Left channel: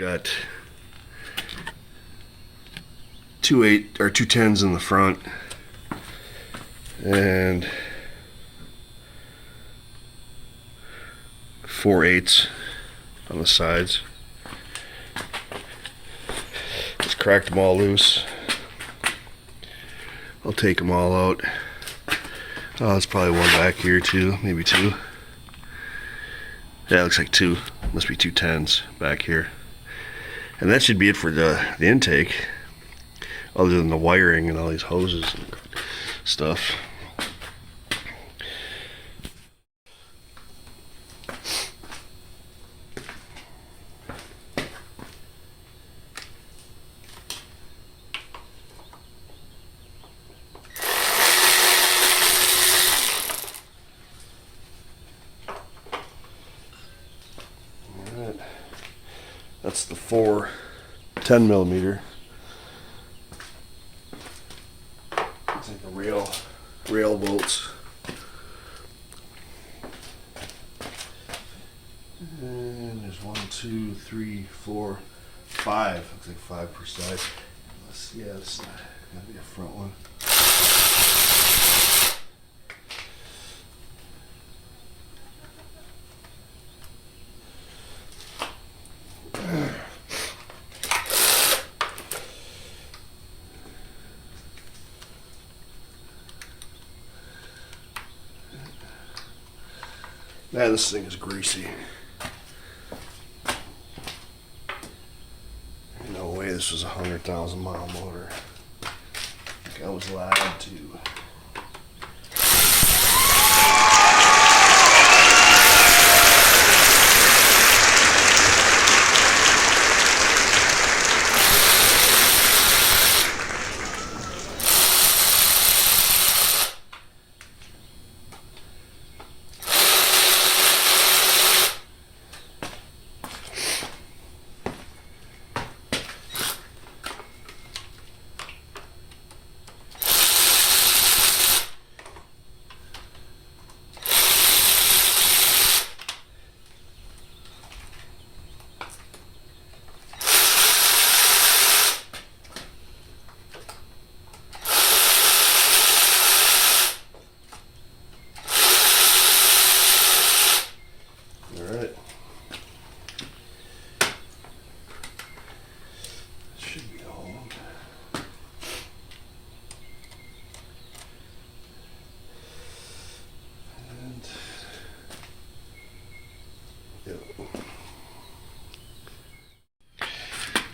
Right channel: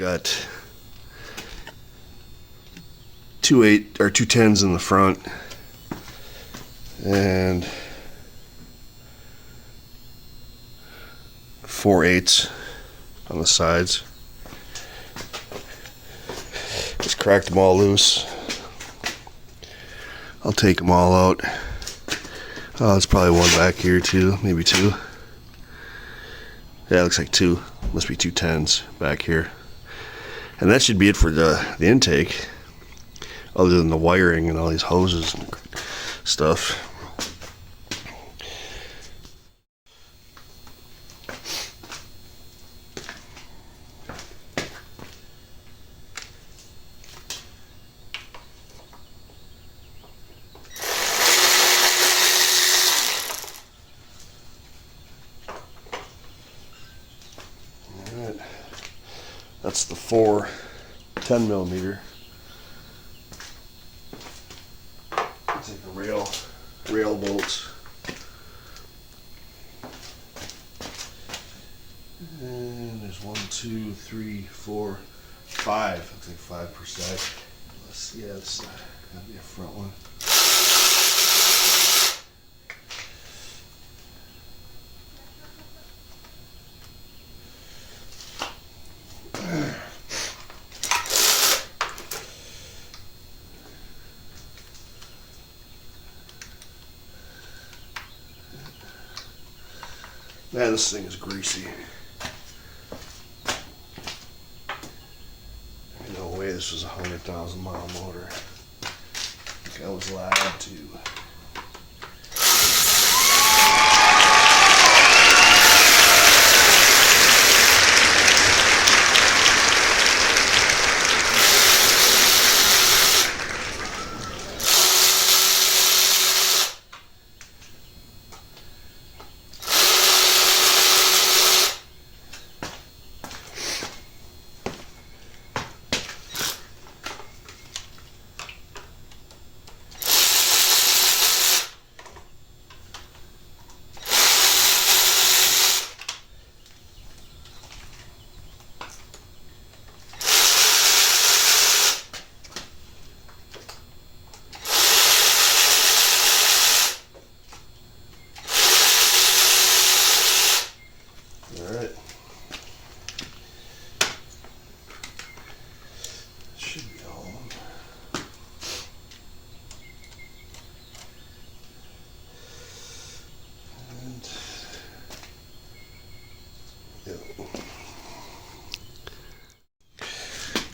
got two 10s in the front and 4 8s on the sides. Just cracked them all loose. I'll take them all out. Oh, there's probably one back here too, maybe two. Yeah, it looks like two. Must be 2 10s back here. And that should be it for the intake, other than the wiring and all these hoses and stuff. That's the 4 10mm. Looks like the rail bolts. And there's 1, 2, 3, 4, 5. Looks like 5 per side. Let's see, yeah, it's gotta be a front one. Man, this thing is greasy. No way this was a 100,000-mile motor. I think I was lied to.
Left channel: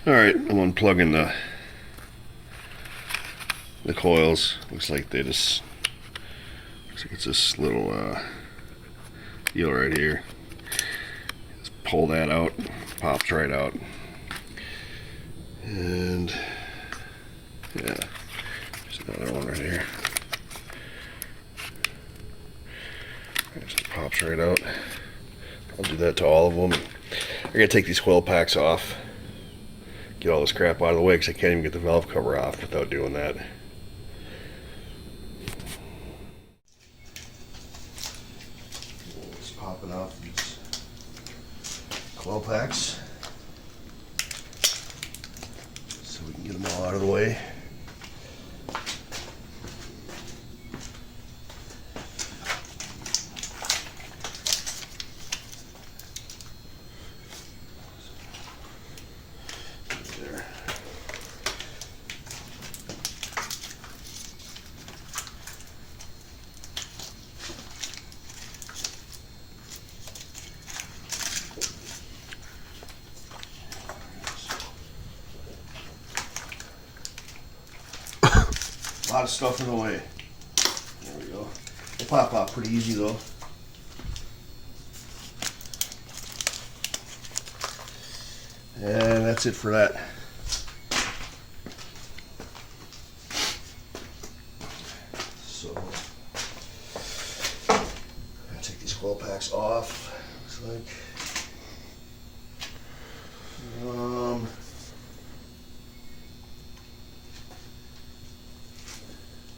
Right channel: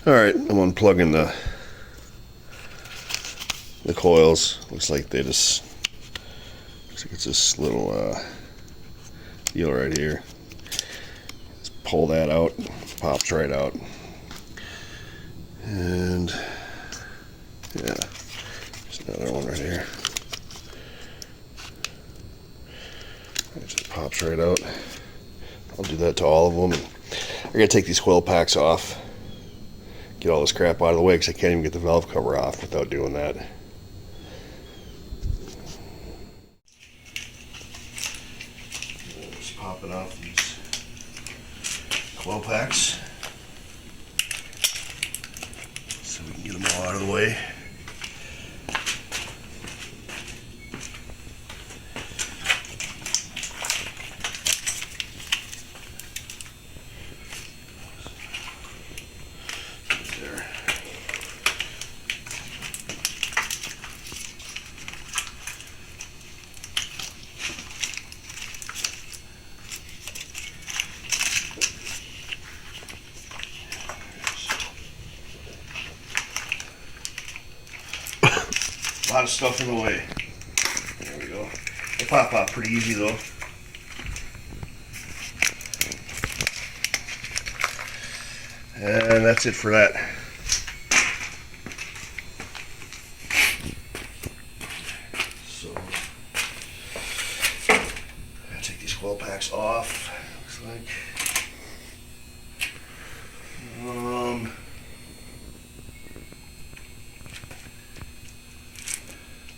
Alright, I'm unplugging the coils. Looks like it's this little deal right here. Just pull that out, pops right out. And yeah, there's another one right here. It just pops right out. I'll do that to all of them. I gotta take these coil packs off. Get all this crap out of the way because I can't even get the valve cover off without doing that. Just popping off these coil packs so we can get them all out of the way. A lot of stuff in the way. There we go. They pop out pretty easy though. And that's it for that. So, I'll take these coil packs off. Looks like.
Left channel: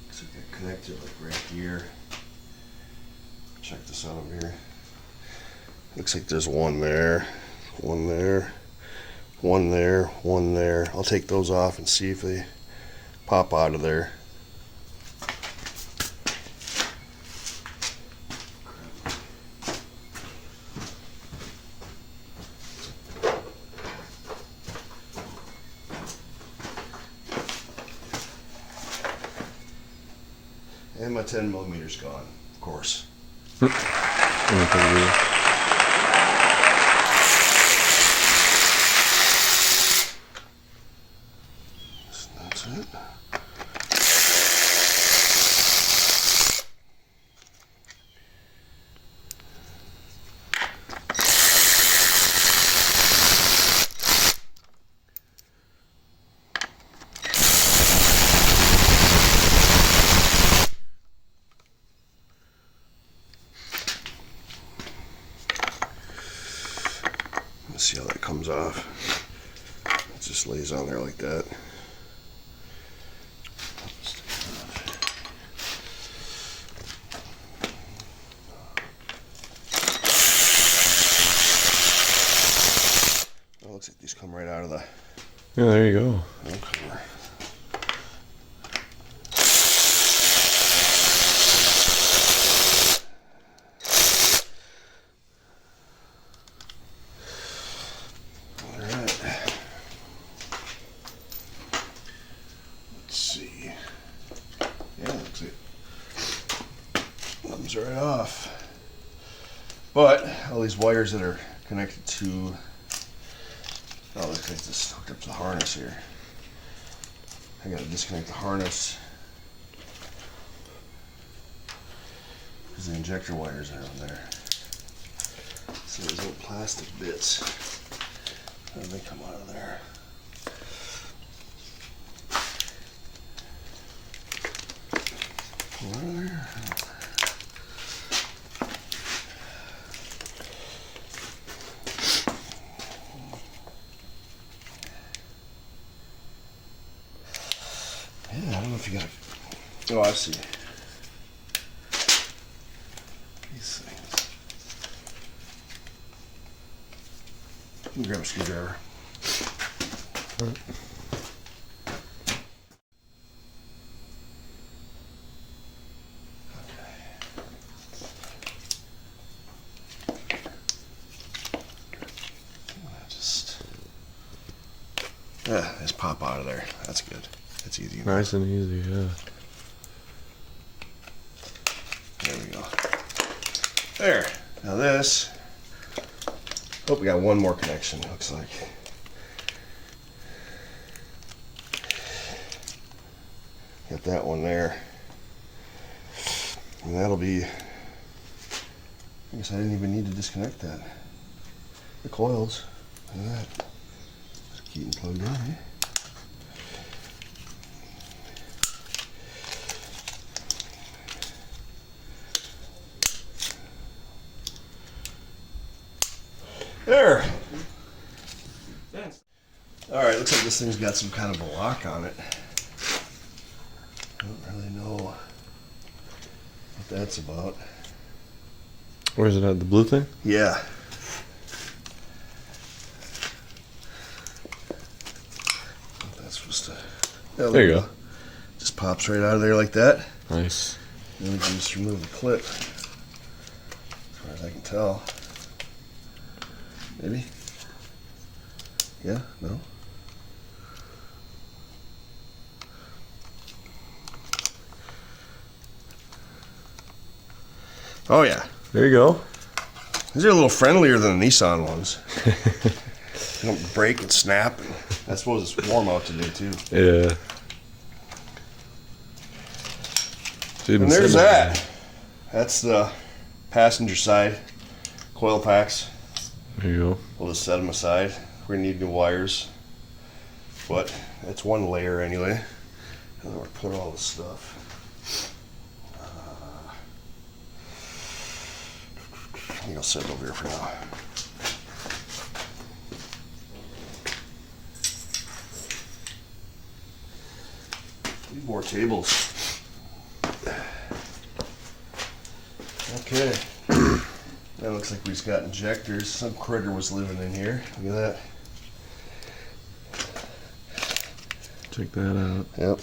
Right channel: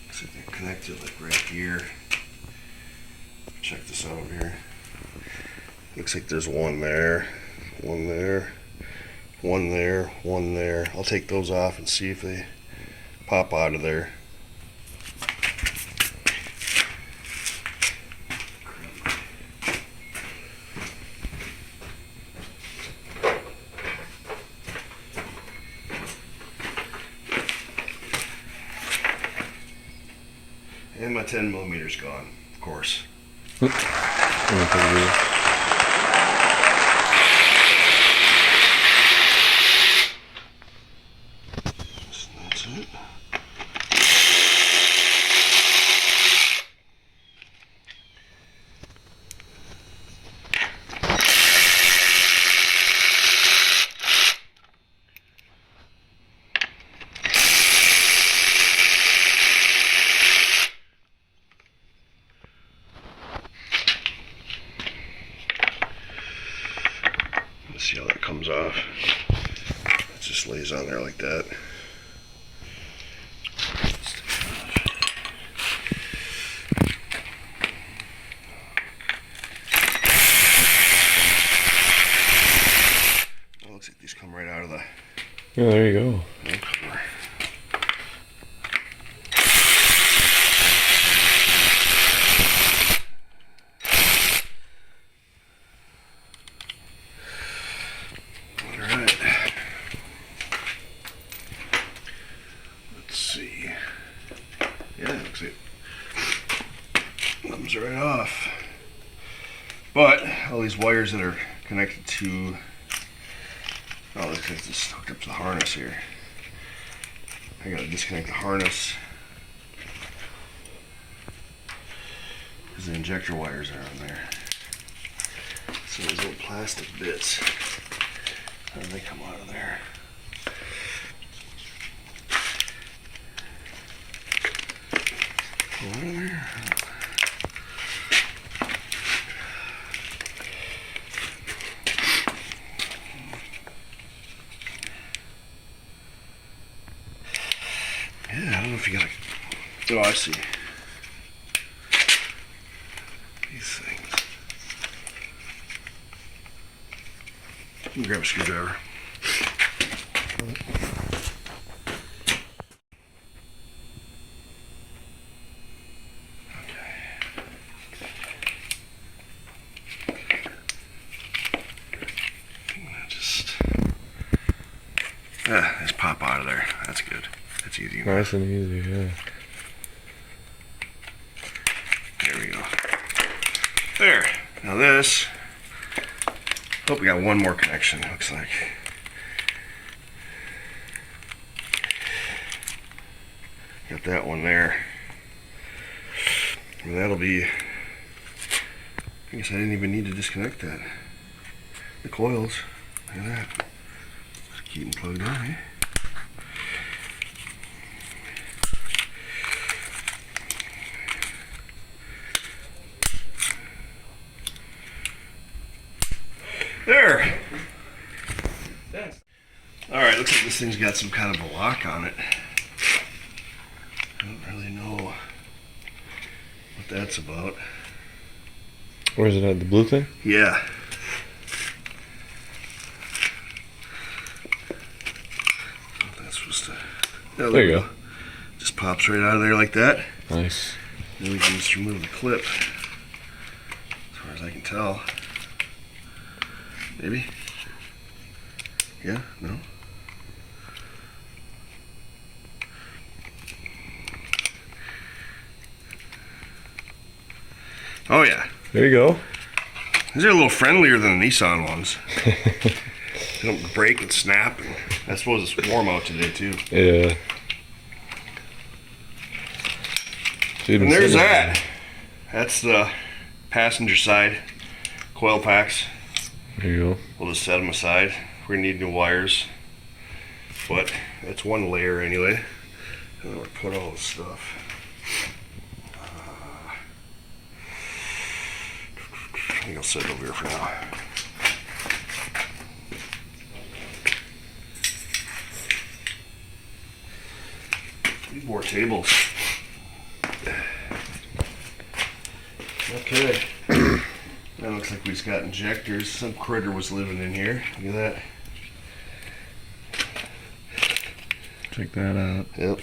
Looks like they're connected like right here. Check this out here. Looks like there's one there, One there, one there. I'll take those off and see if they pop out of there. And my 10mm gone, of course. That's it. Let's see how that comes off. It just lays on there like that. Well, looks like these come right out of the. Yeah, there you go. Yeah, looks like it comes right off. But all these wires that are connected to, oh, looks like this hooked up to the harness here. I gotta disconnect the harness because the injector wires are on there. So those little plastic bits, how do they come out of there? Yeah, I don't know if you gotta. Oh, I see. These things. Let me grab a screwdriver. Just pop out of there. That's good. That's easy. Nice and easy, yeah. There we go. There. Now this. Hope we got one more connection, looks like. Got that one there. And that'll be. I guess I didn't even need to disconnect that. The coils. Look at that. Keep them plugged in, eh? There. Alright, looks like this thing's got some kind of a lock on it. I don't really know what that's about. Where's it at? The blue thing? Yeah. Oh, there you go. Just pops right out of there like that. Nice. Then we can just remove the clip. As far as I can tell. Maybe? Yeah? No? Oh yeah. There you go. These are a little friendlier than the Nissan ones. They don't break and snap. I suppose it's warm out today too. Yeah. And there's that. That's the passenger side coil packs. There you go. We'll just set them aside. We're gonna need new wires, but that's one layer anyway. And we'll put all this stuff. I think I'll set it over here for now. Need more tables. Okay. That looks like we've got injectors. Some critter was living in here. Look at that. Check that out. Yep.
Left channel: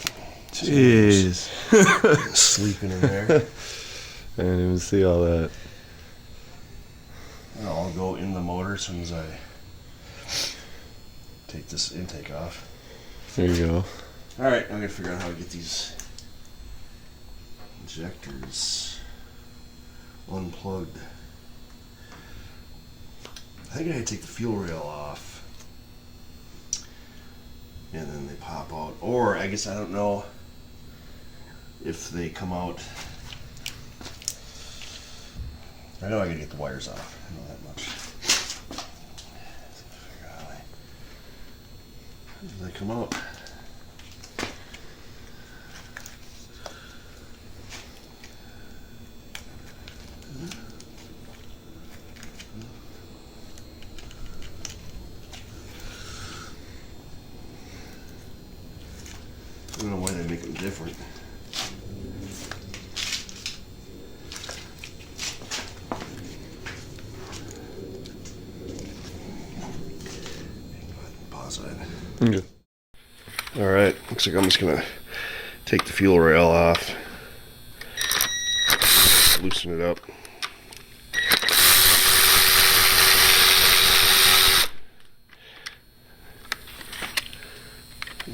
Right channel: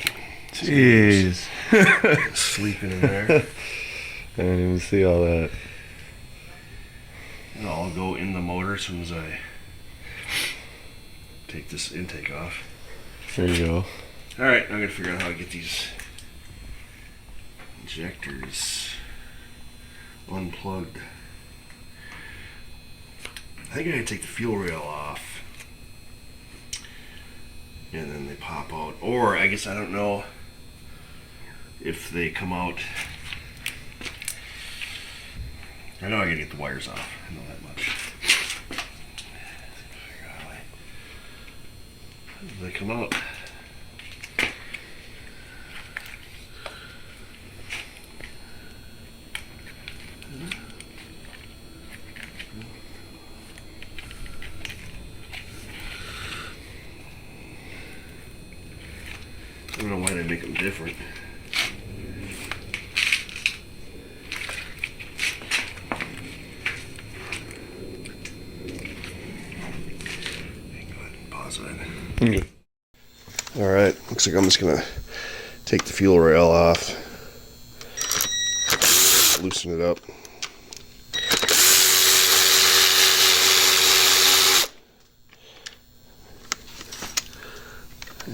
Jeez. Sleeping in there. I didn't even see all that. And I'll go in the motor as soon as I take this intake off. There you go. Alright, I'm gonna figure out how to get these injectors unplugged. I think I gotta take the fuel rail off. And then they pop out. Or I guess I don't know if they come out. I know I gotta get the wires off. I know that much. Figure out how do they come out? I don't know why they make them different. Pause that. Okay. All right, looks like I'm just gonna take the fuel rail off, loosen it up.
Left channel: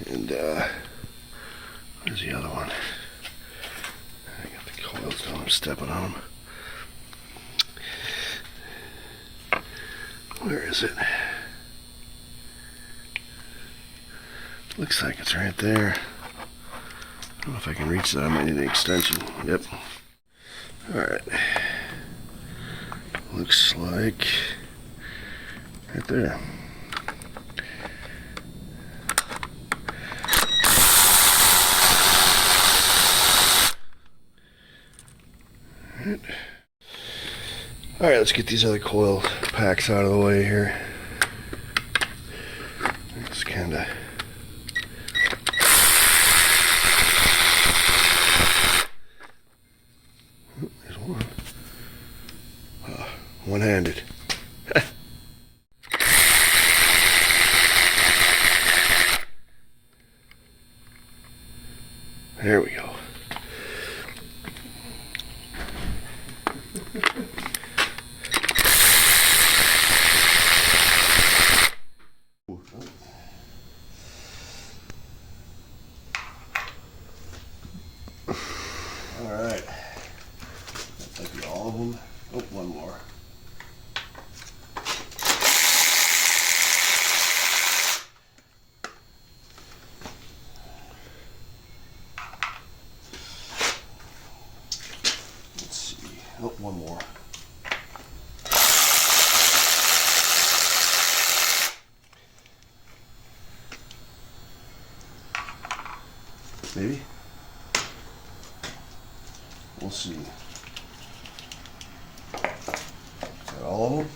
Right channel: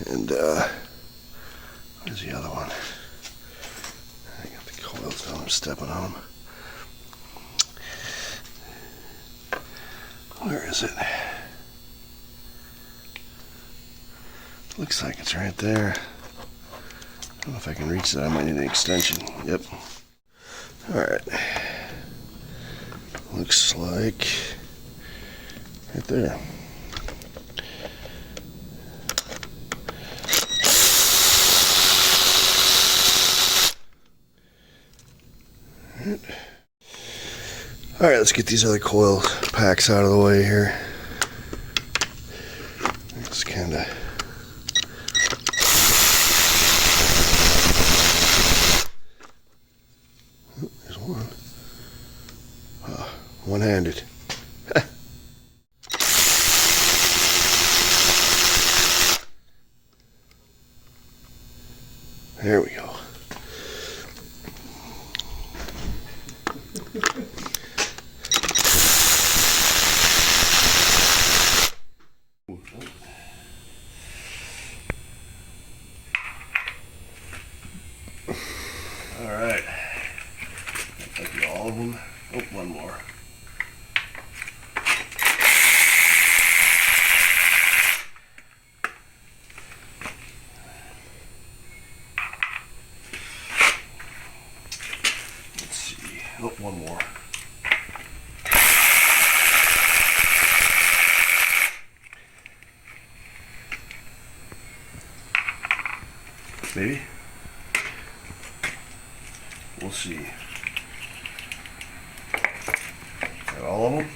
And where's the other one? I got the coils down, I'm stepping on them. Where is it? Looks like it's right there. I don't know if I can reach that. I might need an extension. Yep. Alright. Looks like right there. Alright, let's get these other coil packs out of the way here. It's kind of... There's one. One-handed. There we go. All right. That'll be all of them. Oh, one more. Let's see. Oh, one more. Maybe. We'll see. Got all of them?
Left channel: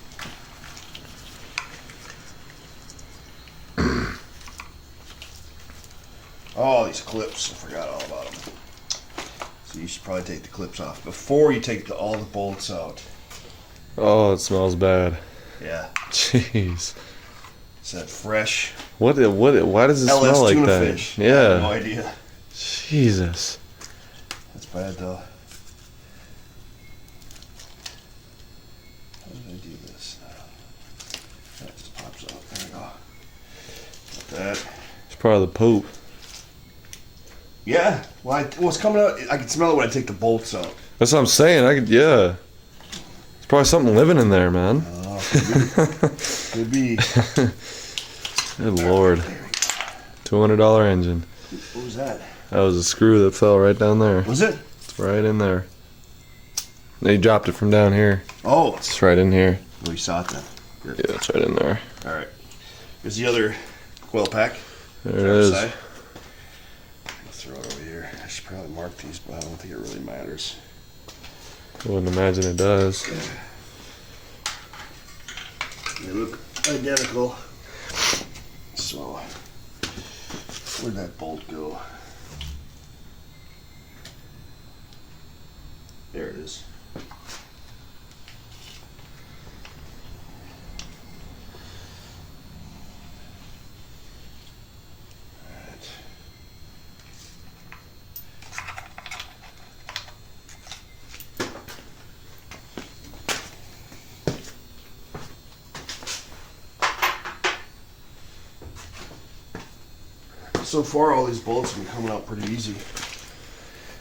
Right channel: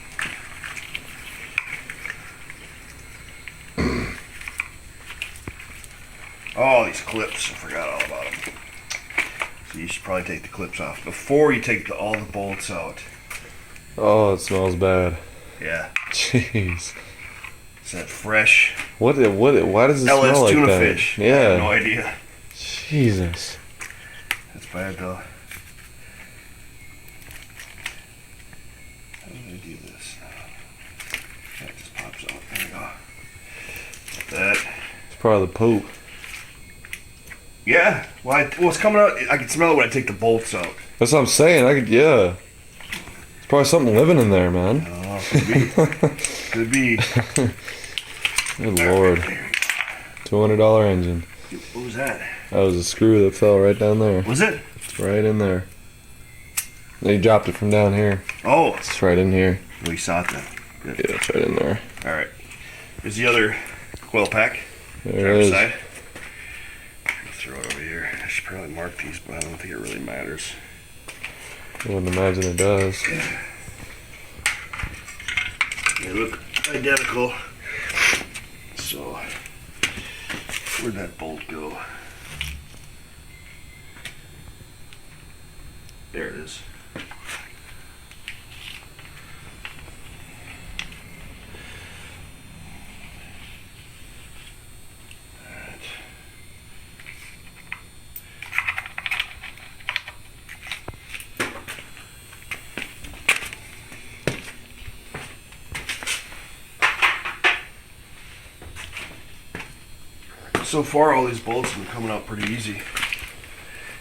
Oh, these clips. I forgot all about them. So you should probably take the clips off before you take all the bolts out. Oh, it smells bad. Yeah. Jeez. Is that fresh? Why does it LS smell like tuna that? fish. I Yeah. have no idea. Jesus. That's bad though. How do I do this? That just pops out. There we go. Got that. It's probably the poop. Yeah. Well, it's coming out. I can smell it when I take the bolts out. That's what I'm saying. Yeah. It's probably something living in there, man. Oh, could be. Could be. Good Lord. $200 engine. What was that? That was a screw that fell right down there. Was it? It's right in there. They dropped it from down here. Oh. It's right in here. We saw it then. Good. Yeah, it's right in there. All right. Here's the other coil pack. There it is. Side. I'll throw it over here. I should probably mark these, but I don't think it really matters. I wouldn't imagine it does. They look identical. So, where'd that bolt go? There it is. Alright. So far, all these bolts have been coming out pretty easy.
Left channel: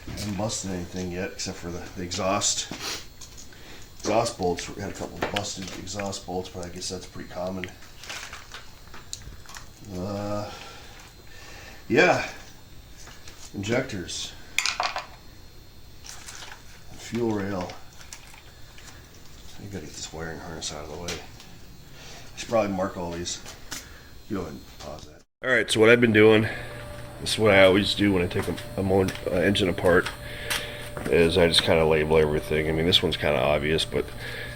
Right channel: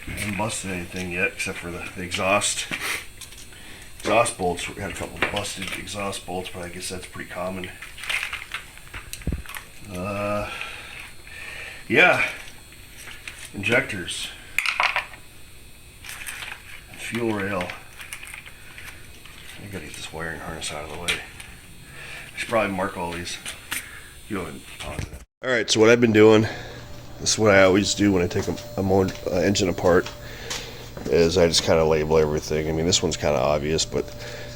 I haven't busted anything yet, except for the exhaust bolts. We had a couple of busted exhaust bolts, but I guess that's pretty common. Yeah, injectors, fuel rail. I gotta get this wiring harness out of the way. I should probably mark all these. Go ahead and pause that. All right, so what I've been doing, this is what I always do when I take a engine apart, is I just kind of label everything. I mean, this one's kind of obvious, but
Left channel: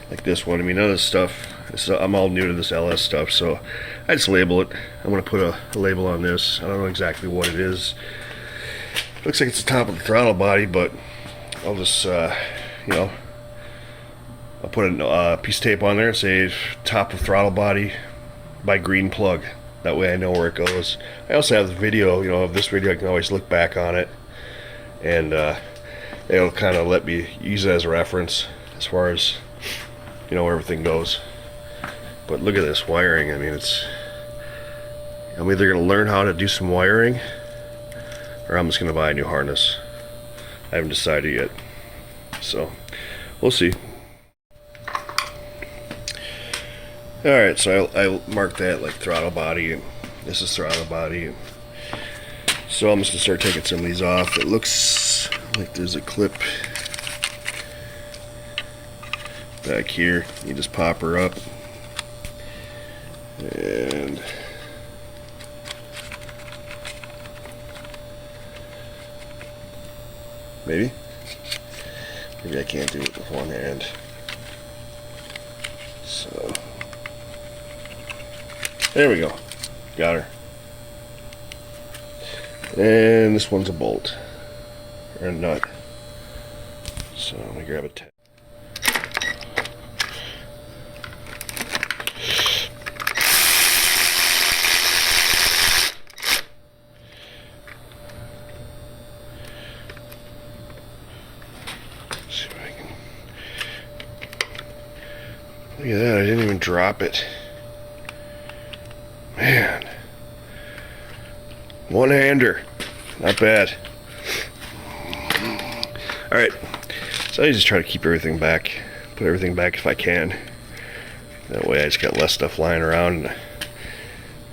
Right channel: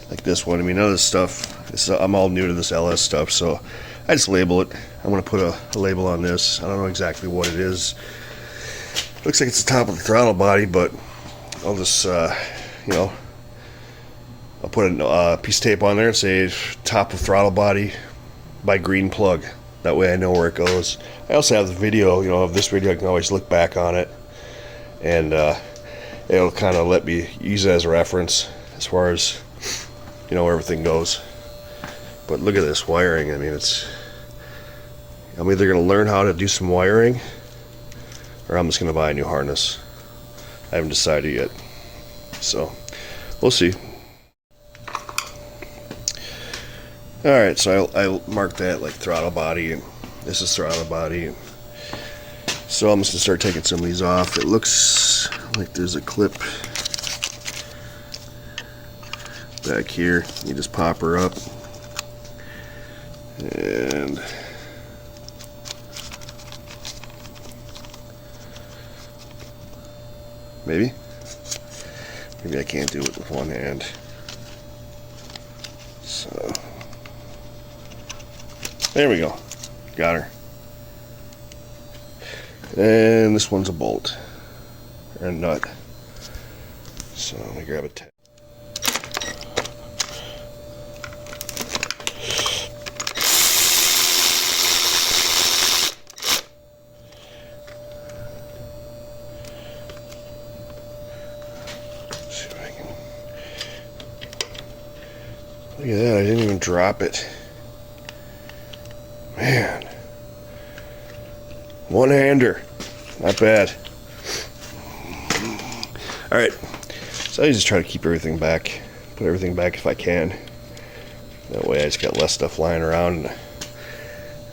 like this one, I mean, none of this stuff, I'm all new to this LS stuff, so I just label it. I'm going to put a label on this. I don't know exactly what it is. Looks like it's the top of the throttle body, but I'll just, I'll put a piece of tape on there and say top of throttle body by green plug. That way I know where it goes. I also have the video, of this video. I can always look back on it, and it'll kind of let me use it as a reference as far as, where everything goes. But look at this wiring. I mean, I'm either going to learn how to do some wiring, or I'm just going to buy a new harness. I haven't decided yet. So, we'll see. Alright, so I marked that like throttle body, and this is throttle body. So I'm just going to start taking some of these off. It looks like there's a clip back here. You just pop her up. And maybe I can't do it with one hand. So there we go. Got her. And this one's a bolt or a nut. So let me grab a tap. Look at that, I didn't even drop it. Man. One-hander. Not bad. Alright. So I just try to keep everything back. Put everything back if I can. That way I just got less stuff lying around and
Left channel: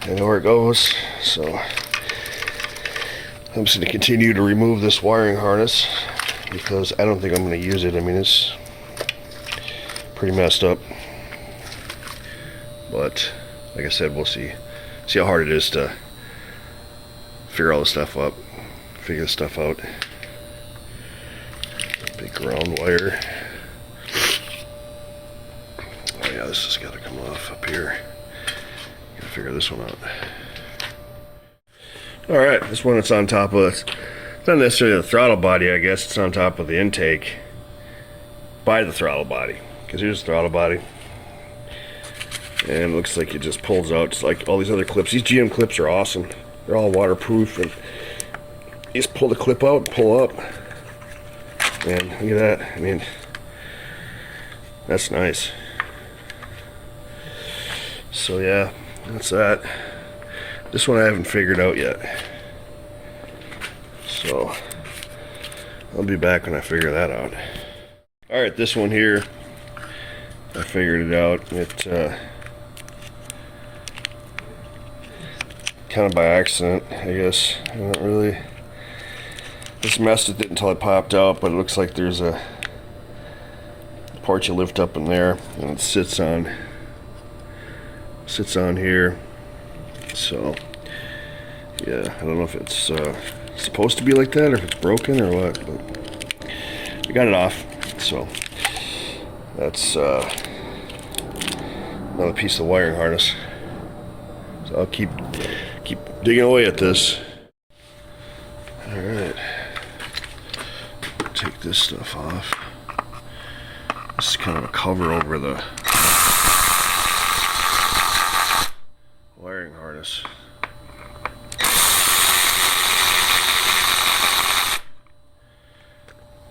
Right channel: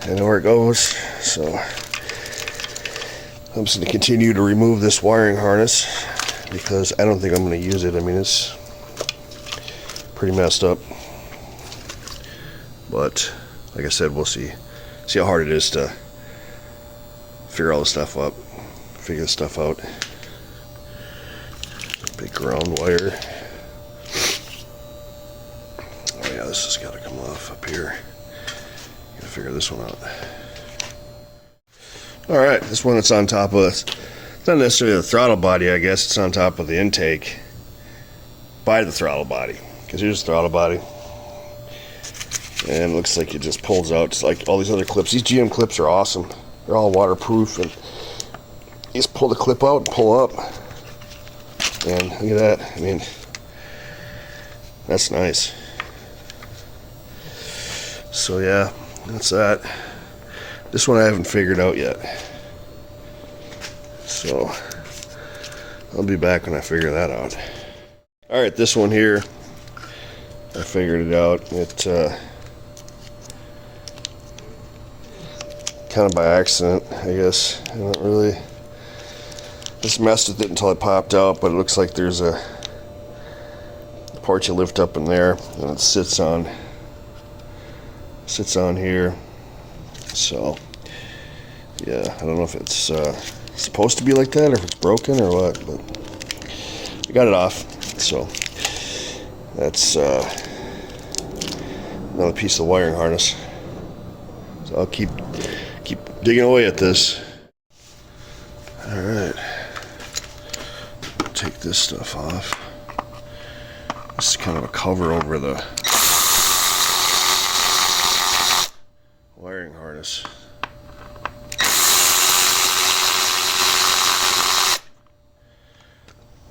I know where it goes. So I'm just going to continue to remove this wiring harness because I don't think I'm going to use it. I mean, it's pretty messed up. But like I said, we'll see how hard it is to figure all this stuff up, figure this stuff out. Big ground wire. Oh yeah, this has got to come off up here. Gotta figure this one out. All right, this one that's on top of it's not necessarily the throttle body, I guess. It's on top of the intake by the throttle body, because here's the throttle body. And it looks like it just pulls out just like all these other clips. These GM clips are awesome. They're all waterproof, and you just pull the clip out and pull up. And look at that. I mean, that's nice. So yeah, that's that. This one I haven't figured out yet. So I'll be back when I figure that out. Alright, this one here, I figured it out. It kind of by accident, I guess. I don't really just messed with it until it popped out, but it looks like there's a part you lift up in there and it sits on here. So yeah, I don't know if it's supposed to be like that or if it's broken or what, but we got it off. So that's another piece of wiring harness. So I'll keep digging away at this. All right, take this stuff off. This is kind of a cover over the wiring harness.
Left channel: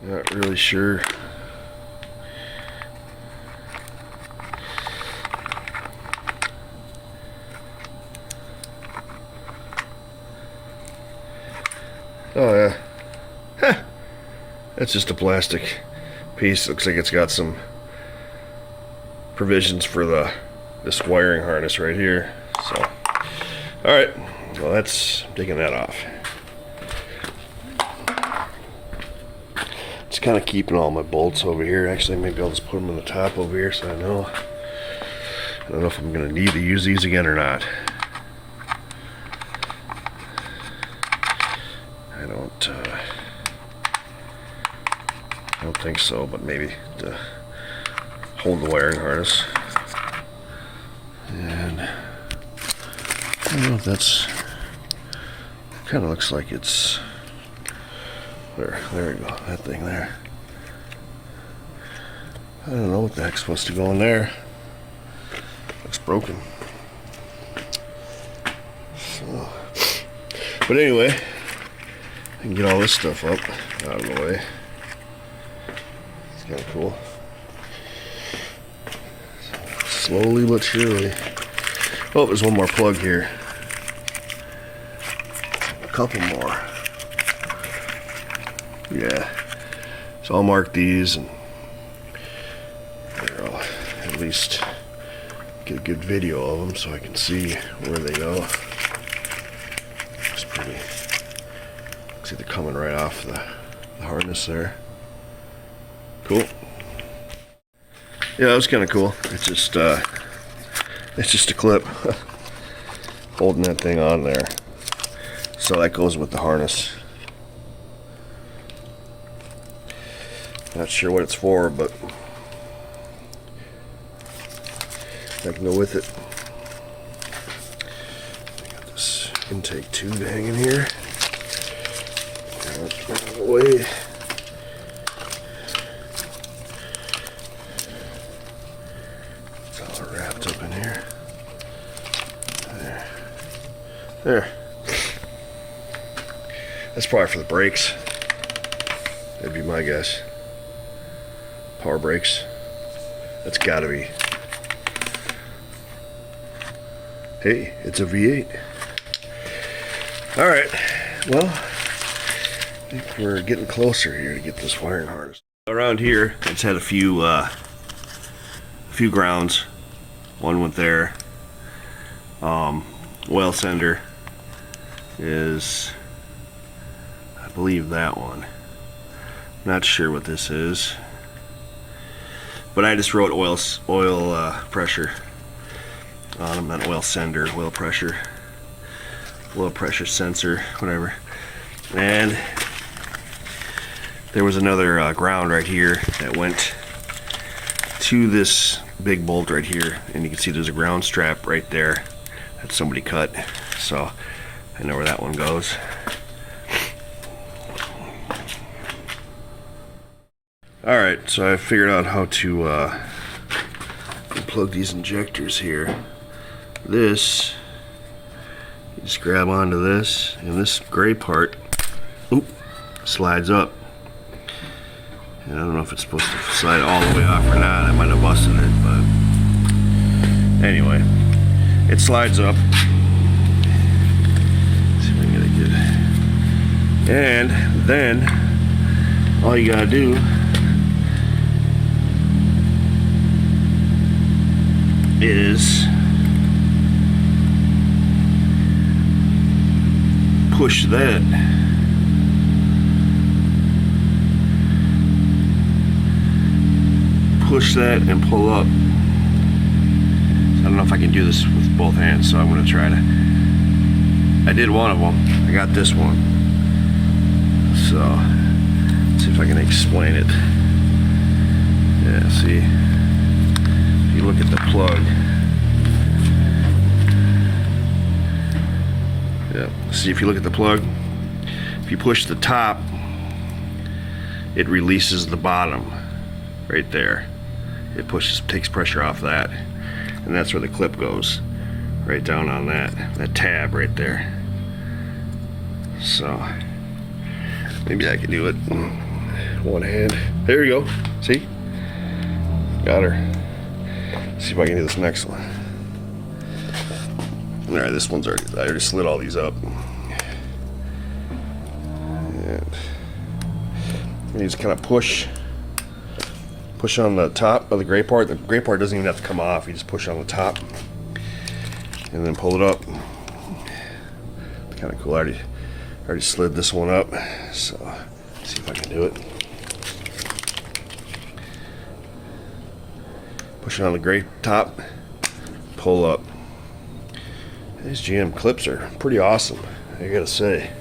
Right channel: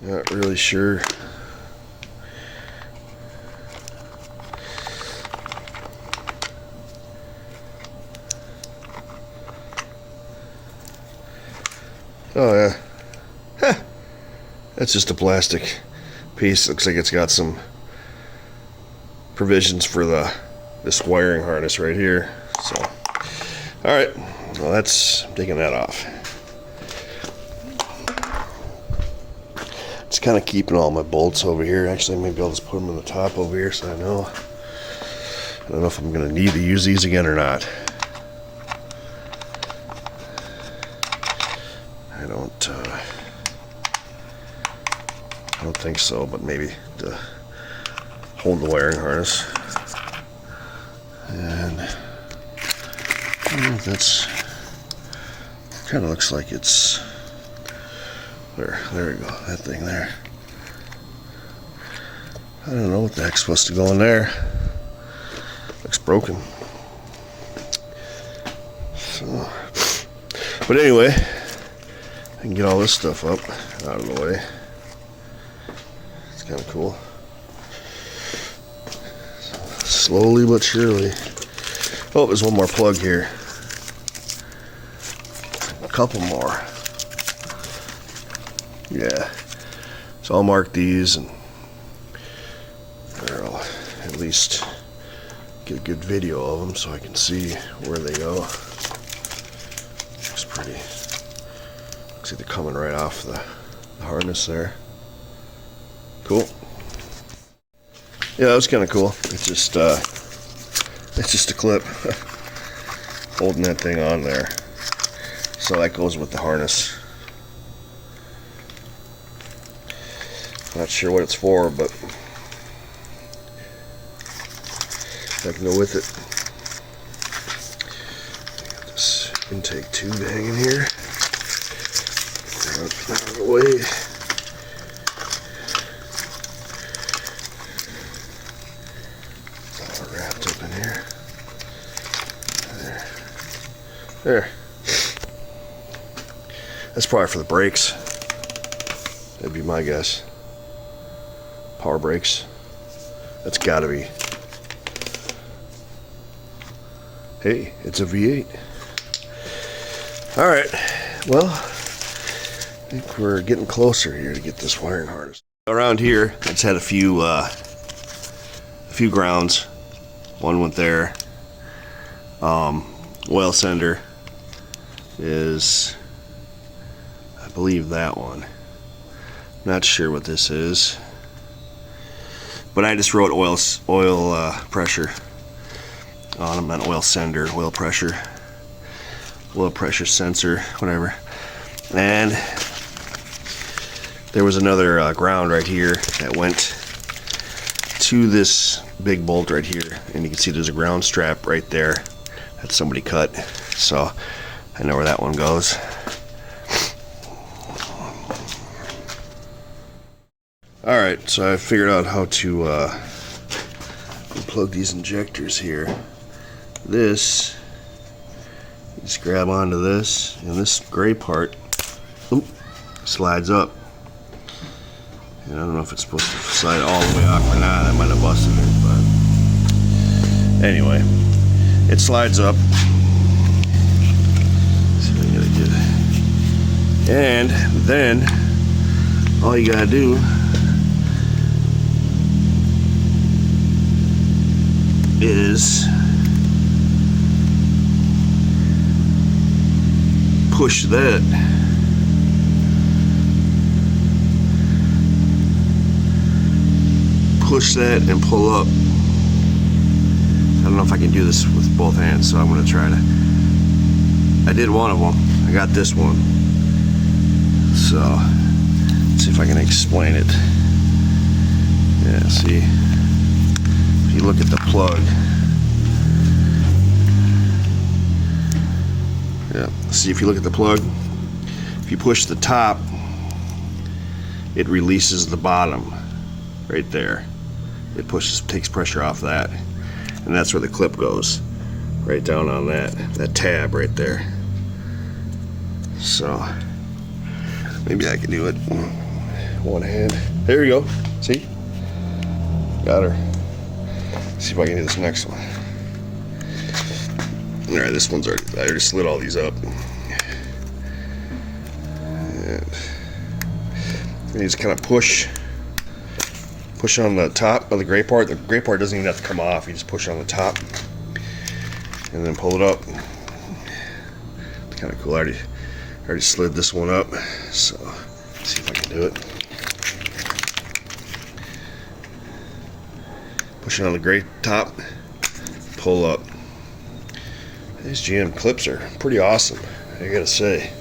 Not really sure. Oh yeah. Heh. That's just a plastic piece. Looks like it's got some provisions for this wiring harness right here. So, all right. Well, I'm taking that off. It's kind of keeping all my bolts over here. Actually, maybe I'll just put them in the top over here so I know. I don't know if I'm going to need to use these again or not. I don't think so, but maybe to hold the wiring harness. And I don't know if that's, kind of looks like it's, there we go, that thing there. I don't know what the heck's supposed to go in there. Looks broken. So, but anyway, I can get all this stuff up out of the way. It's kind of cool. Slowly but surely. Oh, there's one more plug here. A couple more. Yeah. So I'll mark these and I'll at least get a good video of them so I can see where they go. It's pretty. Looks like they're coming right off the harness there. Cool. Yeah, that was kind of cool. It's just a clip holding that thing on there. So that goes with the harness. Not sure what it's for, but I can go with it. I got this intake tube hanging here. Out of the way. It's all wrapped up in here. There. That's probably for the brakes. That'd be my guess. Power brakes. That's gotta be. Hey, it's a V8. All right. Well, I think we're getting closer here to get this wiring harness. Around here, it's had a few grounds. One went there. Oil sender is, I believe, that one. Not sure what this is, but I just wrote oil pressure on them. Not oil sender, oil pressure sensor, whatever. And there was another ground right here that went to this big bolt right here, and you can see there's a ground strap right there that somebody cut, so I know where that one goes. Alright, so I figured out how to plug these injectors here. This, you just grab onto this, and this gray part slides up. And I don't know if it's supposed to slide all the way off or not. I might have busted it, but anyway, it slides up. Let's see if I can get it good. And then all you gotta do is push that. Push that and pull up. I don't know if I can do this with both hands, so I'm going to try to. I did one of them. I got this one. So, let's see if I can explain it. Yeah, see? If you look at the plug. Yeah, see, if you look at the plug, if you push the top, it releases the bottom right there. It takes pressure off that, and that's where the clip goes, right down on that tab right there. So maybe I can do it one hand. There you go. See? Got her. Let's see if I can do this next one. All right, this one's I already slid all these up. You just kind of push on the top of the gray part. The gray part doesn't even have to come off. You just push on the top and then pull it up. It's kind of cool. I already slid this one up, so let's see if I can do it. Push it on the gray top, pull up. These GM clips are pretty awesome, I gotta say.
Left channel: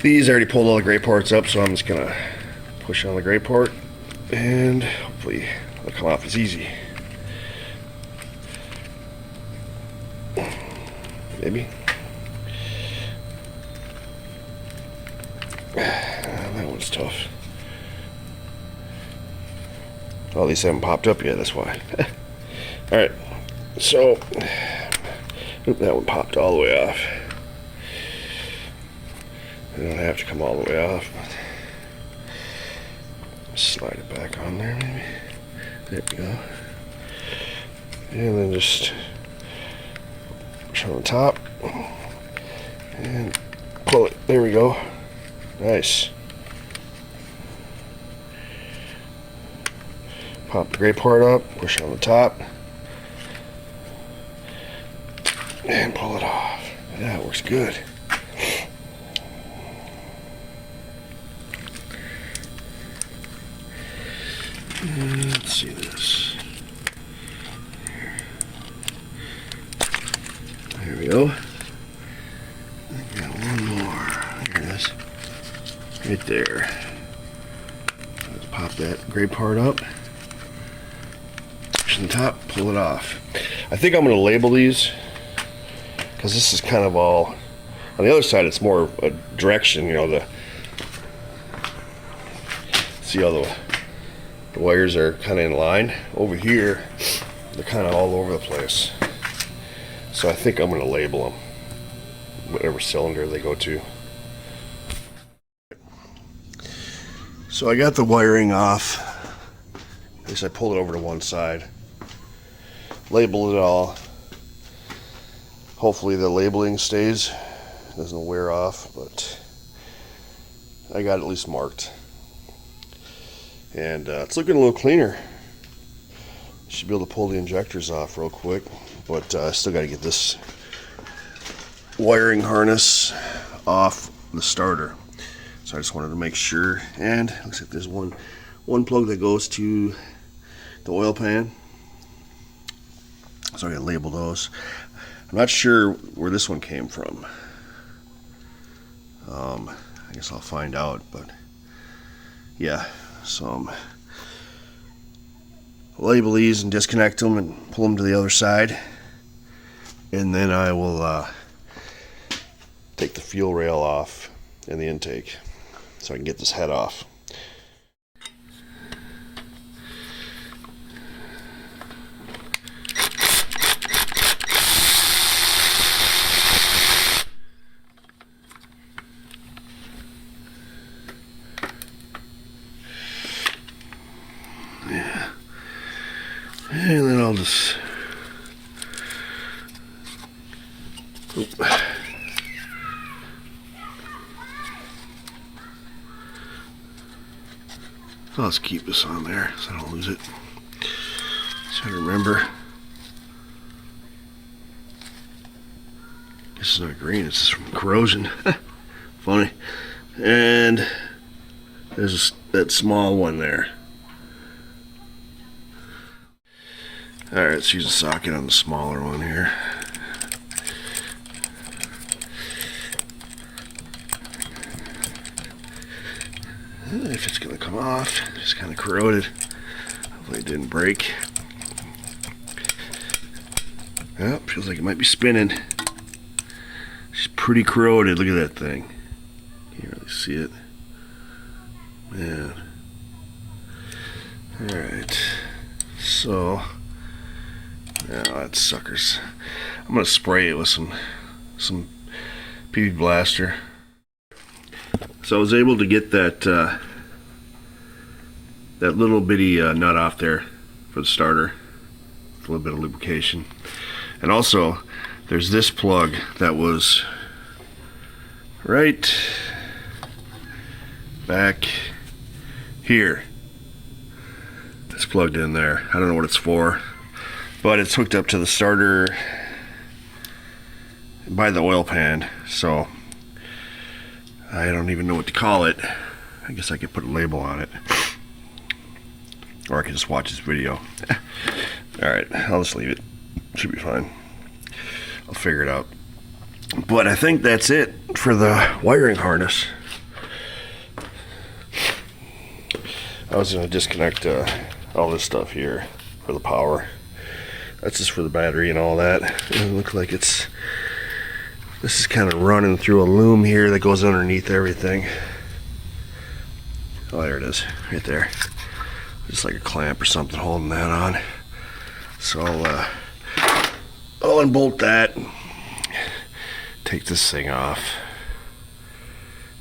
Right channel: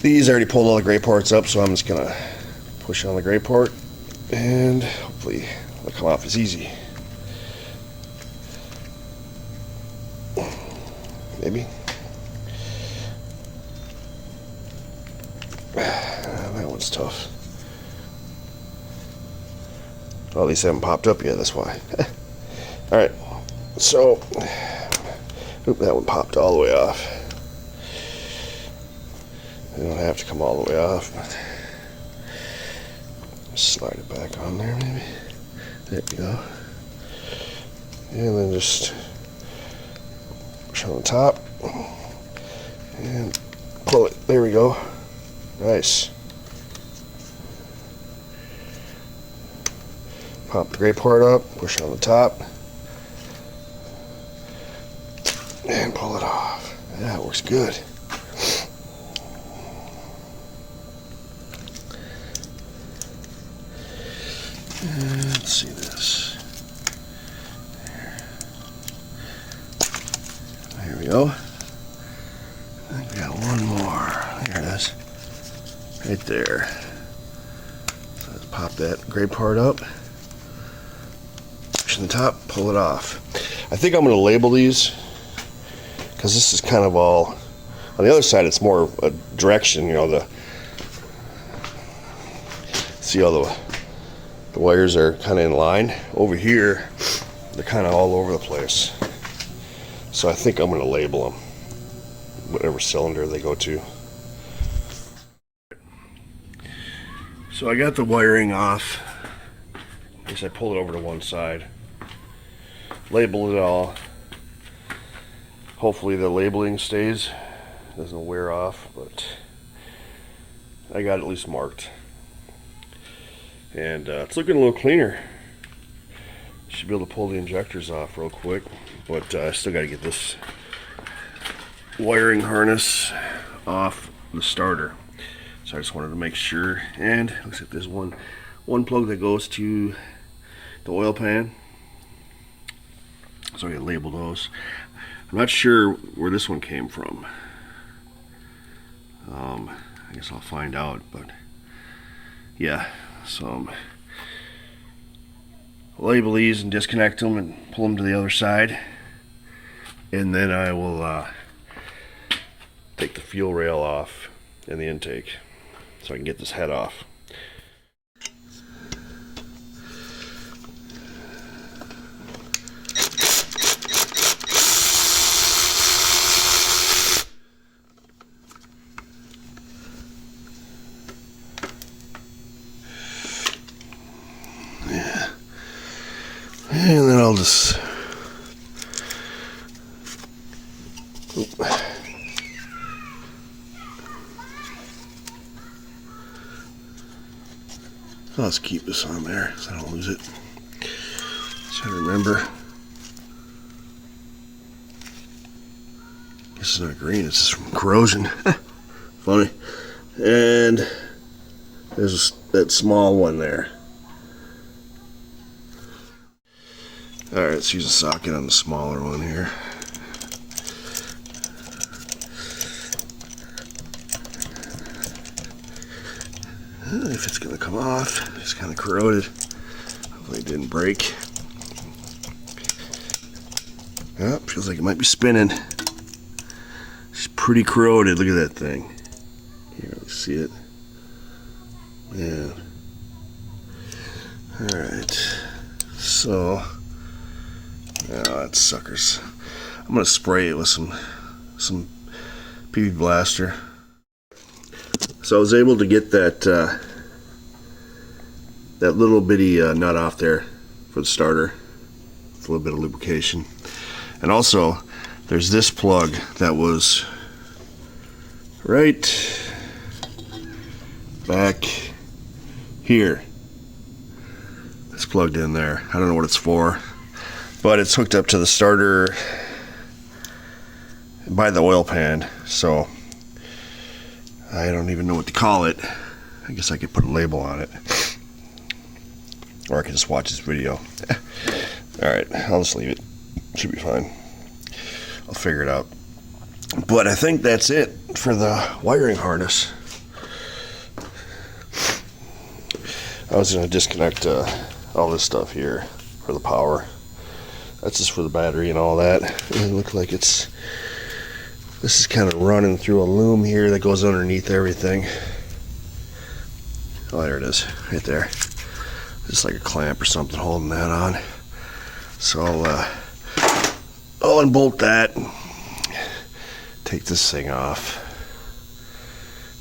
These I already pulled all the gray parts up, so I'm just gonna push on the gray part and hopefully it'll come off as easy. Maybe. That one's tough. Well, these haven't popped up yet, that's why. Alright, so, oop, that one popped all the way off. They don't have to come all the way off, but slide it back on there, maybe. There we go. And then just push on the top and pull it. There we go. Nice. Pop the gray part up, push on the top, and pull it off. Yeah, it works good. And let's see this. There we go. I got one more. Here it is. Right there. So let's pop that gray part up. Push on the top, pull it off. I think I'm going to label these because this is kind of all. On the other side, it's more a direction. You know, see how the wires are kind of in line. Over here, they're kind of all over the place. So I think I'm going to label them, whatever cylinder they go to. So I got the wiring off. I guess I pulled it over to one side. Labeled it all. Hopefully the labeling stays, doesn't wear off, but I got it at least marked. And it's looking a little cleaner. Should be able to pull the injectors off real quick, but I still got to get this wiring harness off the starter. So I just wanted to make sure. And looks like there's one plug that goes to the oil pan. So I gotta label those. I'm not sure where this one came from. I guess I'll find out, but yeah. So label these and disconnect them and pull them to the other side, and then I will take the fuel rail off and the intake so I can get this head off. Yeah. And then I'll just I'll just keep this on there so I don't lose it. Try to remember. This is not green, it's from corrosion. Funny. And there's that small one there. Alright, let's use a socket on the smaller one here. If it's going to come off, it's kind of corroded. Hopefully it didn't break. Oh, feels like it might be spinning. It's pretty corroded. Look at that thing. Can't really see it. Man. Alright. So, yeah, that suckers. I'm going to spray it with some PB Blaster. So I was able to get that that little bitty nut off there for the starter. With a little bit of lubrication. And also, there's this plug that was right back here. It's plugged in there. I don't know what it's for, but it's hooked up to the starter by the oil pan, so I don't even know what to call it. I guess I could put a label on it, or I could just watch this video. Alright, I'll just leave it. Should be fine. I'll figure it out. But I think that's it for the wiring harness. I was going to disconnect all this stuff here for the power. That's just for the battery and all that. It looks like this is kind of running through a loom here that goes underneath everything. Oh, there it is, right there. Just like a clamp or something holding that on. So I'll unbolt that. Take this thing off.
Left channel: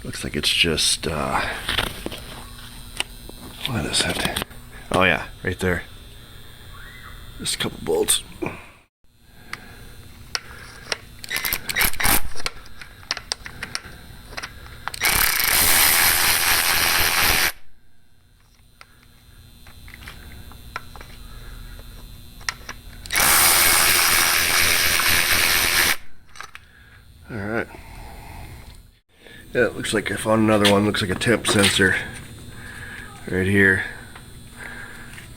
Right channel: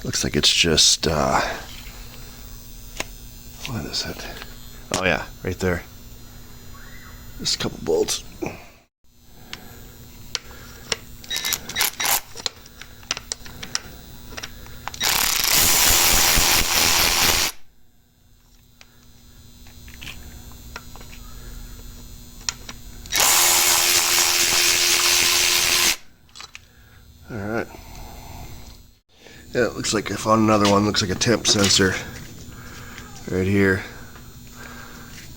Looks like it's just what is it? Oh yeah, right there. Just a couple bolts. Alright. Yeah, it looks like I found another one. Looks like a temp sensor right here.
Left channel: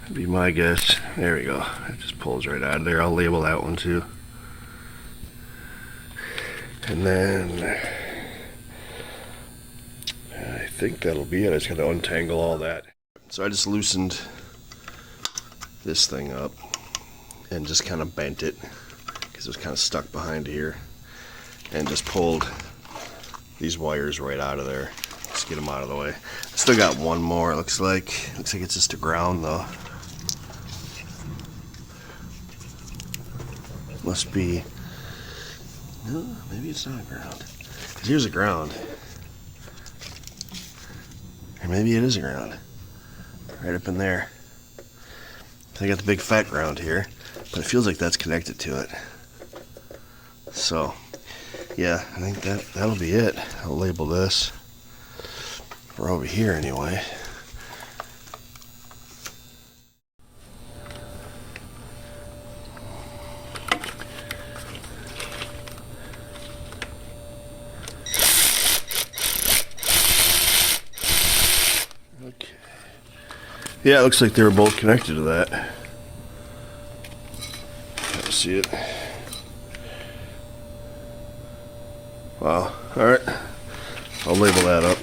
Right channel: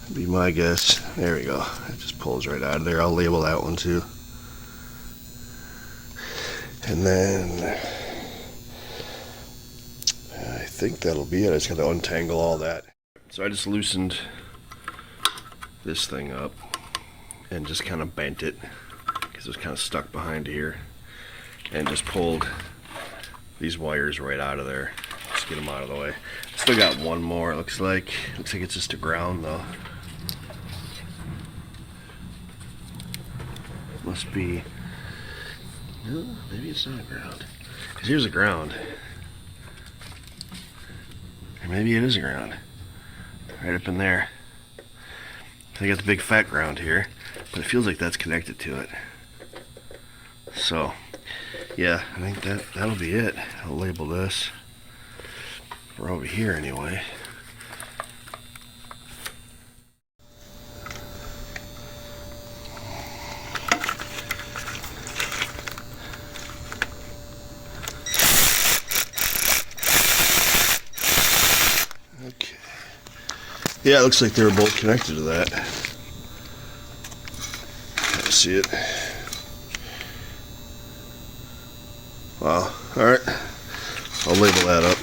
That'd be my guess. There we go. It just pulls right out of there. I'll label that one too. And then I think that'll be it. I just got to untangle all that. So I just loosened this thing up and just kind of bent it because it was kind of stuck behind here, and just pulled these wires right out of there. Just get them out of the way. Still got one more. It looks like it's just a ground though. Must be. No, maybe it's not a ground. Because here's a ground. Or maybe it is a ground. Right up in there. I got the big fat ground here, but it feels like that's connected to it. So, yeah, I think that'll be it. I'll label this. We're over here anyway. Okay. Yeah, it looks like they were both connected to that. Can't see it. Wow. Alright. I'll label that up.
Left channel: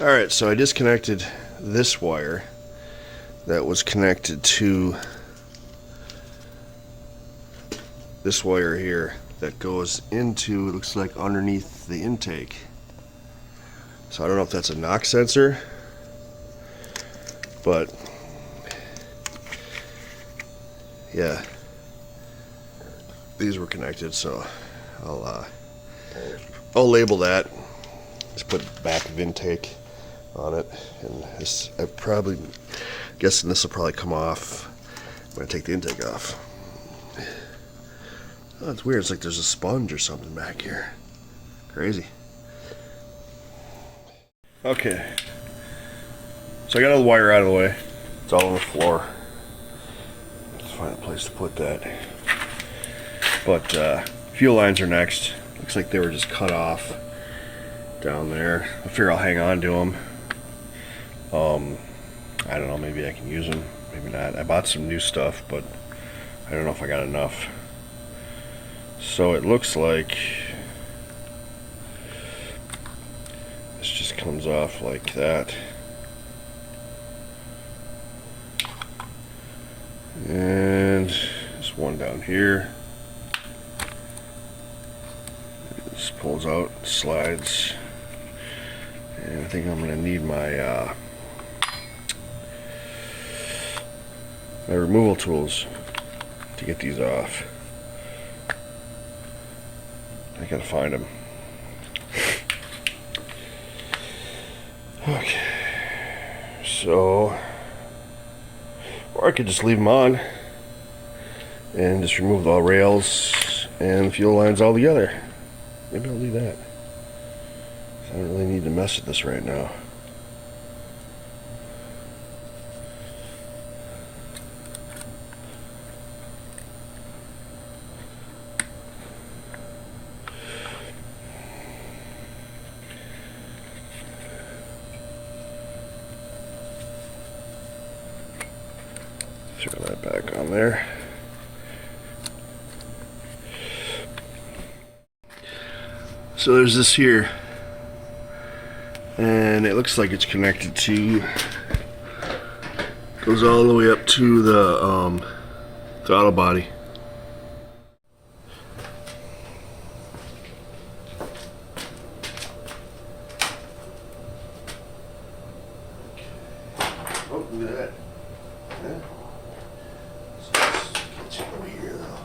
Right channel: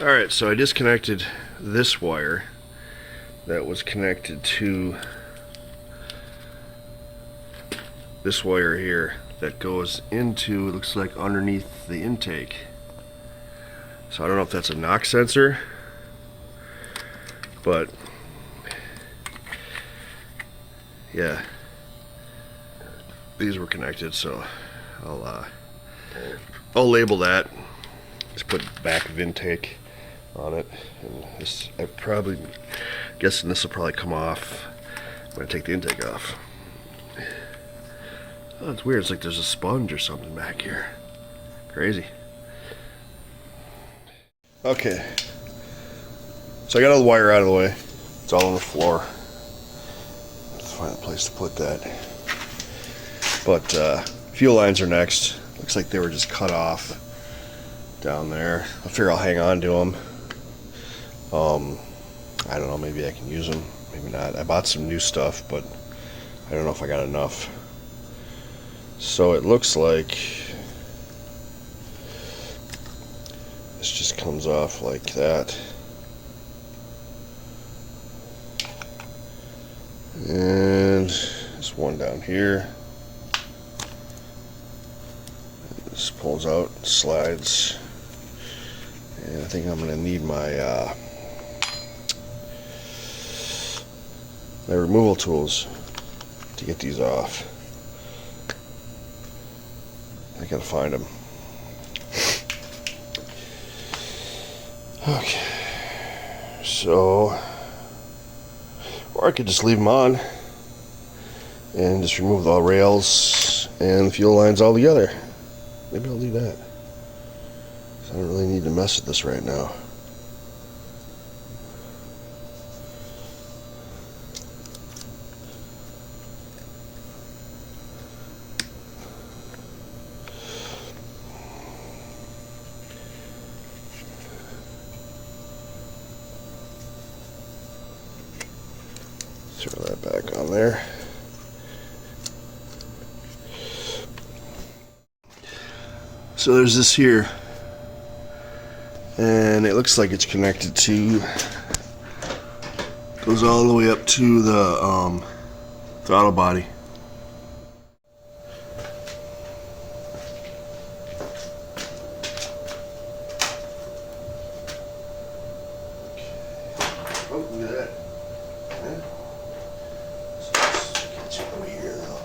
Alright, so I disconnected this wire that was connected to this wire here that goes into, looks like underneath the intake. So I don't know if that's a knock sensor, but yeah, these were connected, so I'll label that. Just put back of intake on it, and this, I probably guessing this will probably come off when I take the intake off. Oh, it's weird. It's like there's a sponge or something back here. Crazy. Okay. So I got all the wire out of the way. It's all on the floor. Let's find a place to put that. But fuel lines are next. Looks like they were just cut off down there. I figure I'll hang on to them. I don't know. Maybe I can use them. Maybe not. I bought some new stuff, but I don't know if I got enough. So it looks like this just comes off like that. And there's one down here. This pulls out, slides. And I think I'm going to need my my removal tools to get these off. I gotta find them. Okay, so, or I could just leave them on and just remove the rails and fuel lines all together. Maybe I'll do that. I don't really need to mess with this right now. Throw that back on there. So there's this here, and it looks like it's connected to, goes all the way up to the throttle body. Oh, look at that. Yeah. So let's get you over here though.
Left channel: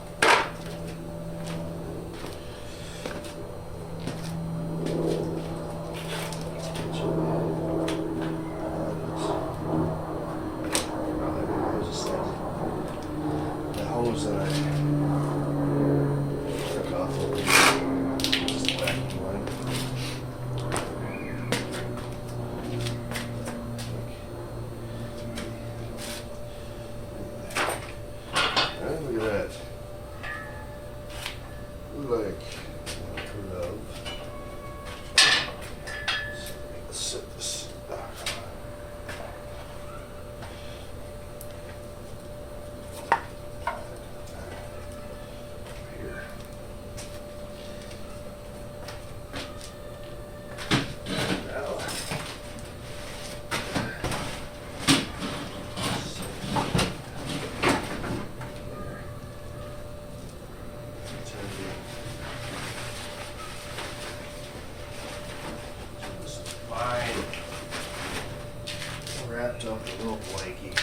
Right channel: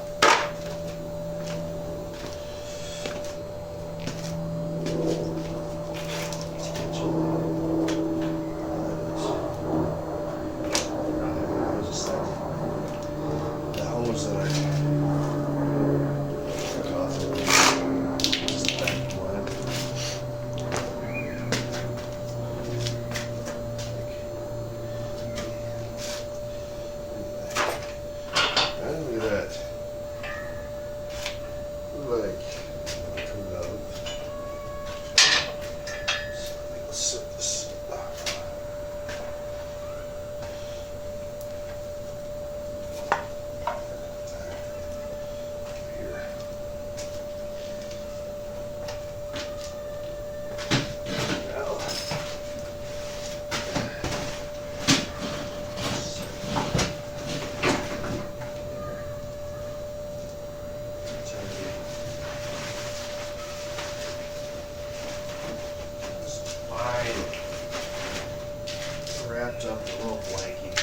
Wrapped up in a little blankie.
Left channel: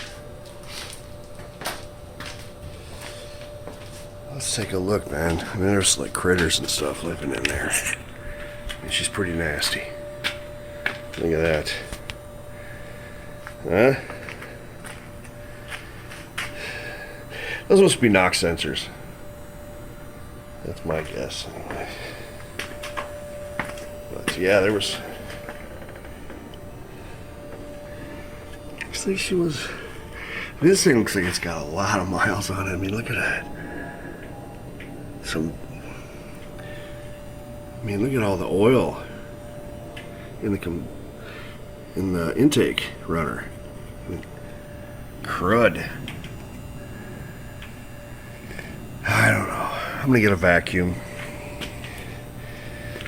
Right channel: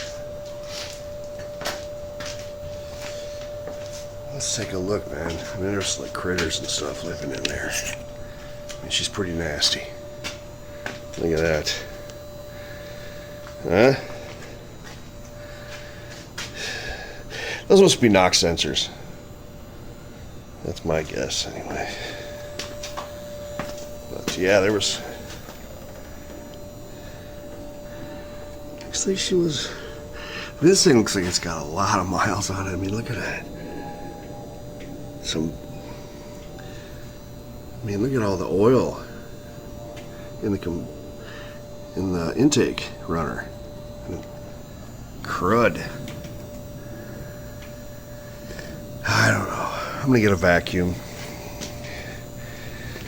Let's take a look, man. I mean, there's like critters and stuff living in there. I mean, she's pretty nasty. Look at that. Huh? Those must be knock sensors. That's my guess, anyway. But yeah, there was. Looks like she was. This thing looks like it's got a lot of miles on it. I mean, look at that. I mean, look at all the oil in the intake runner. Crud. I don't know. I'm gonna get a vacuum.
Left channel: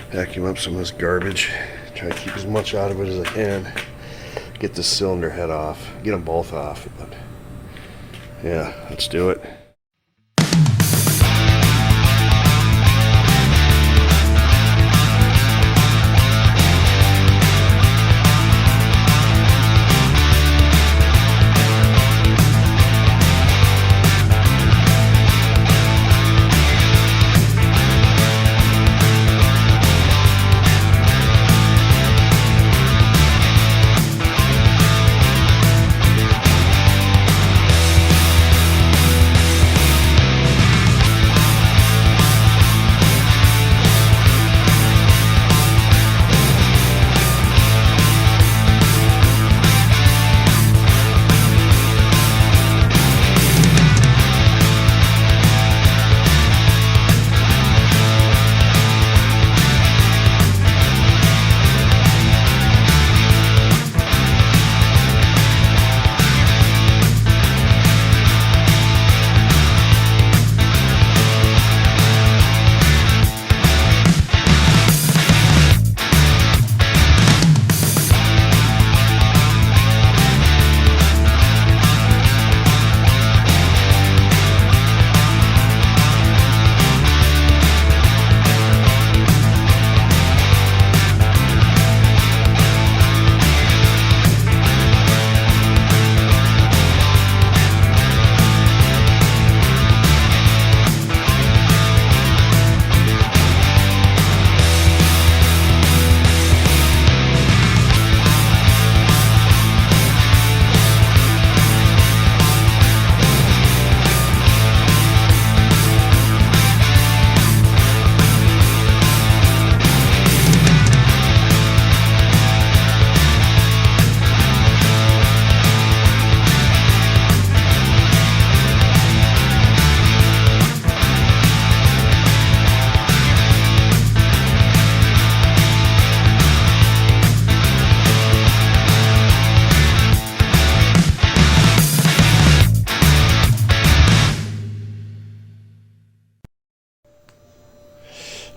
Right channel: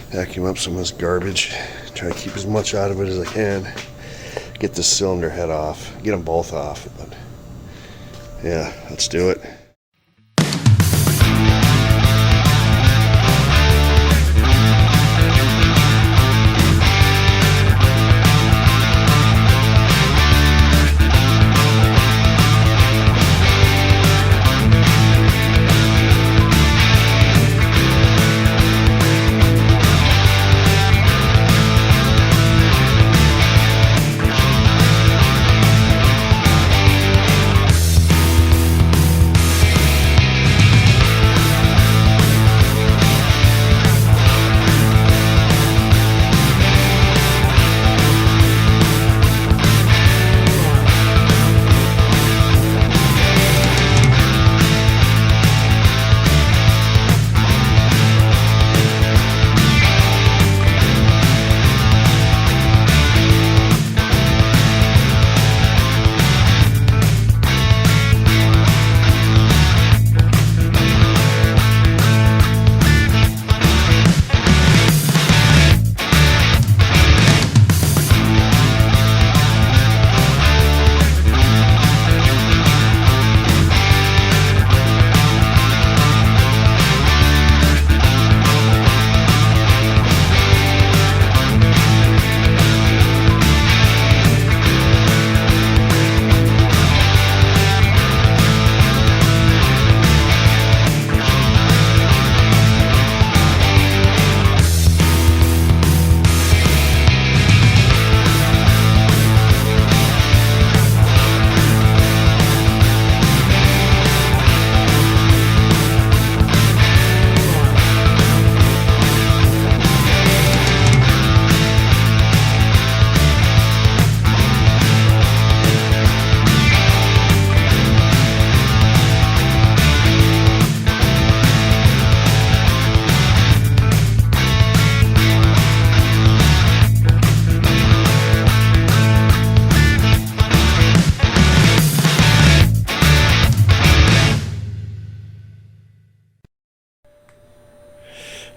Vacuum up some of this garbage. Try to keep as much out of it as I can. Get the cylinder head off. Get them both off. But yeah, let's do it.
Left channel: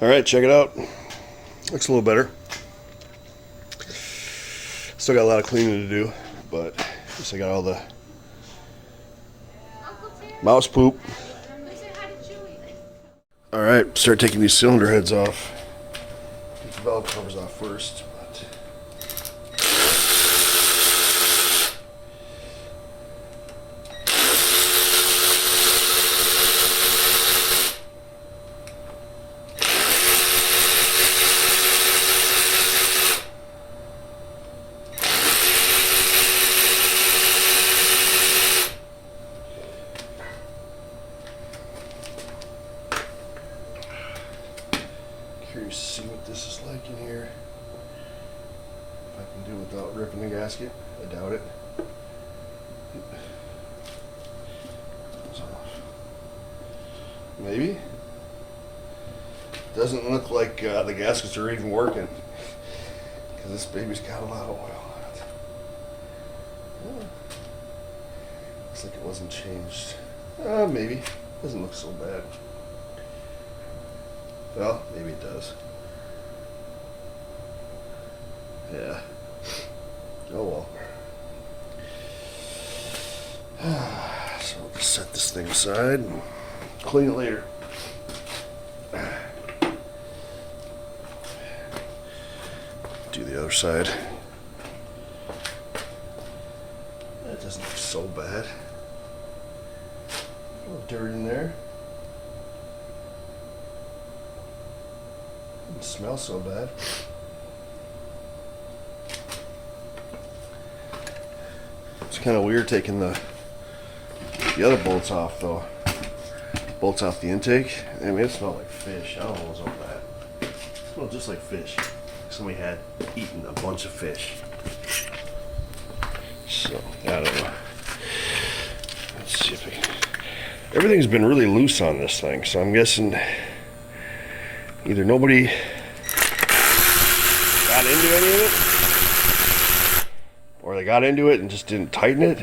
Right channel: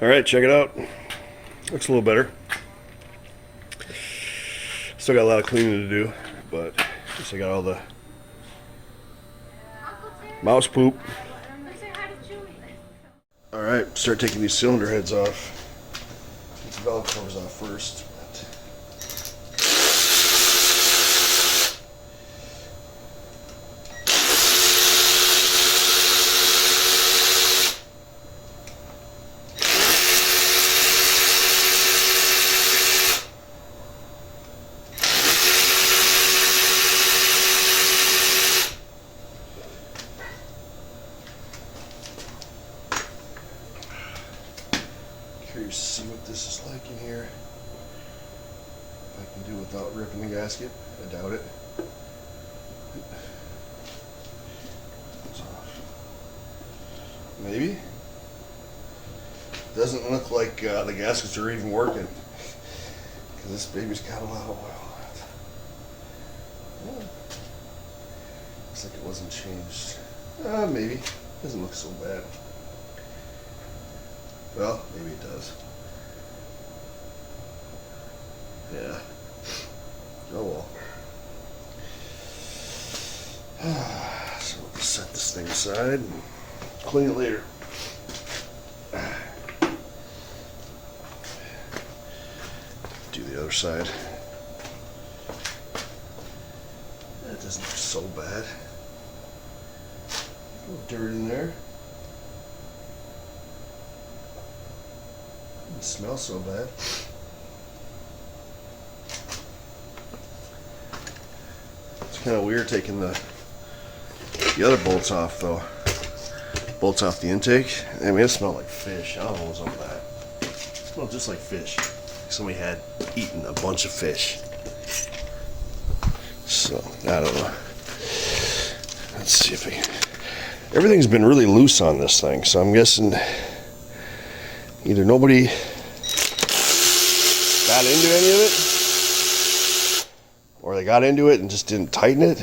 All right, check it out. Looks a little better. Still got a lot of cleaning to do, but at least I got all the mouse poop. All right, start taking these cylinder heads off. Get the valve covers off first. Curious to see what this is like in here. If I can do it without ripping the gasket. I doubt it. Maybe. Doesn't look like the gaskets are even working. Because this baby's got a lot of oil on it. Yeah. Looks like it wasn't changed. Maybe. Doesn't look so bad. Well, maybe it does. Yeah. Oh well. So we'll set this thing aside and clean it later. Do the other side. That doesn't look so bad. A little dirt in there. Doesn't smell so bad. It's kind of weird taking the other bolts off though. Bolts off the intake. I mean, it smelled like fish. I don't know what's up with that. It smelled just like fish. Somebody had eaten a bunch of fish. So, I don't know. Let's see if we can. Everything's been really loose on this thing, so I'm guessing either nobody got into any of it, or they got into it and just didn't tighten it.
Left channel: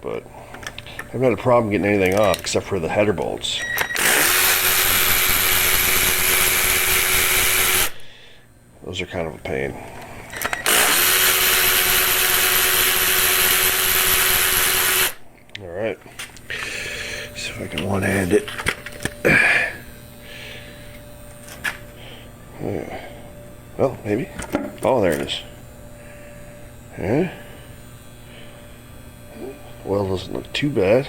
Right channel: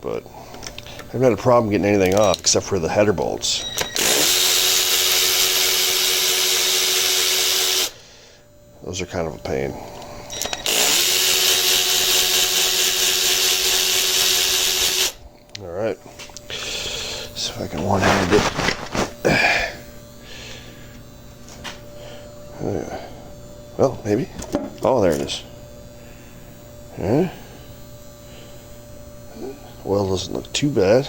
But I haven't had a problem getting anything off except for the header bolts. Those are kind of a pain. All right. See if I can one-hand it. Well, maybe. Oh, there it is. Yeah. Oil doesn't look too bad.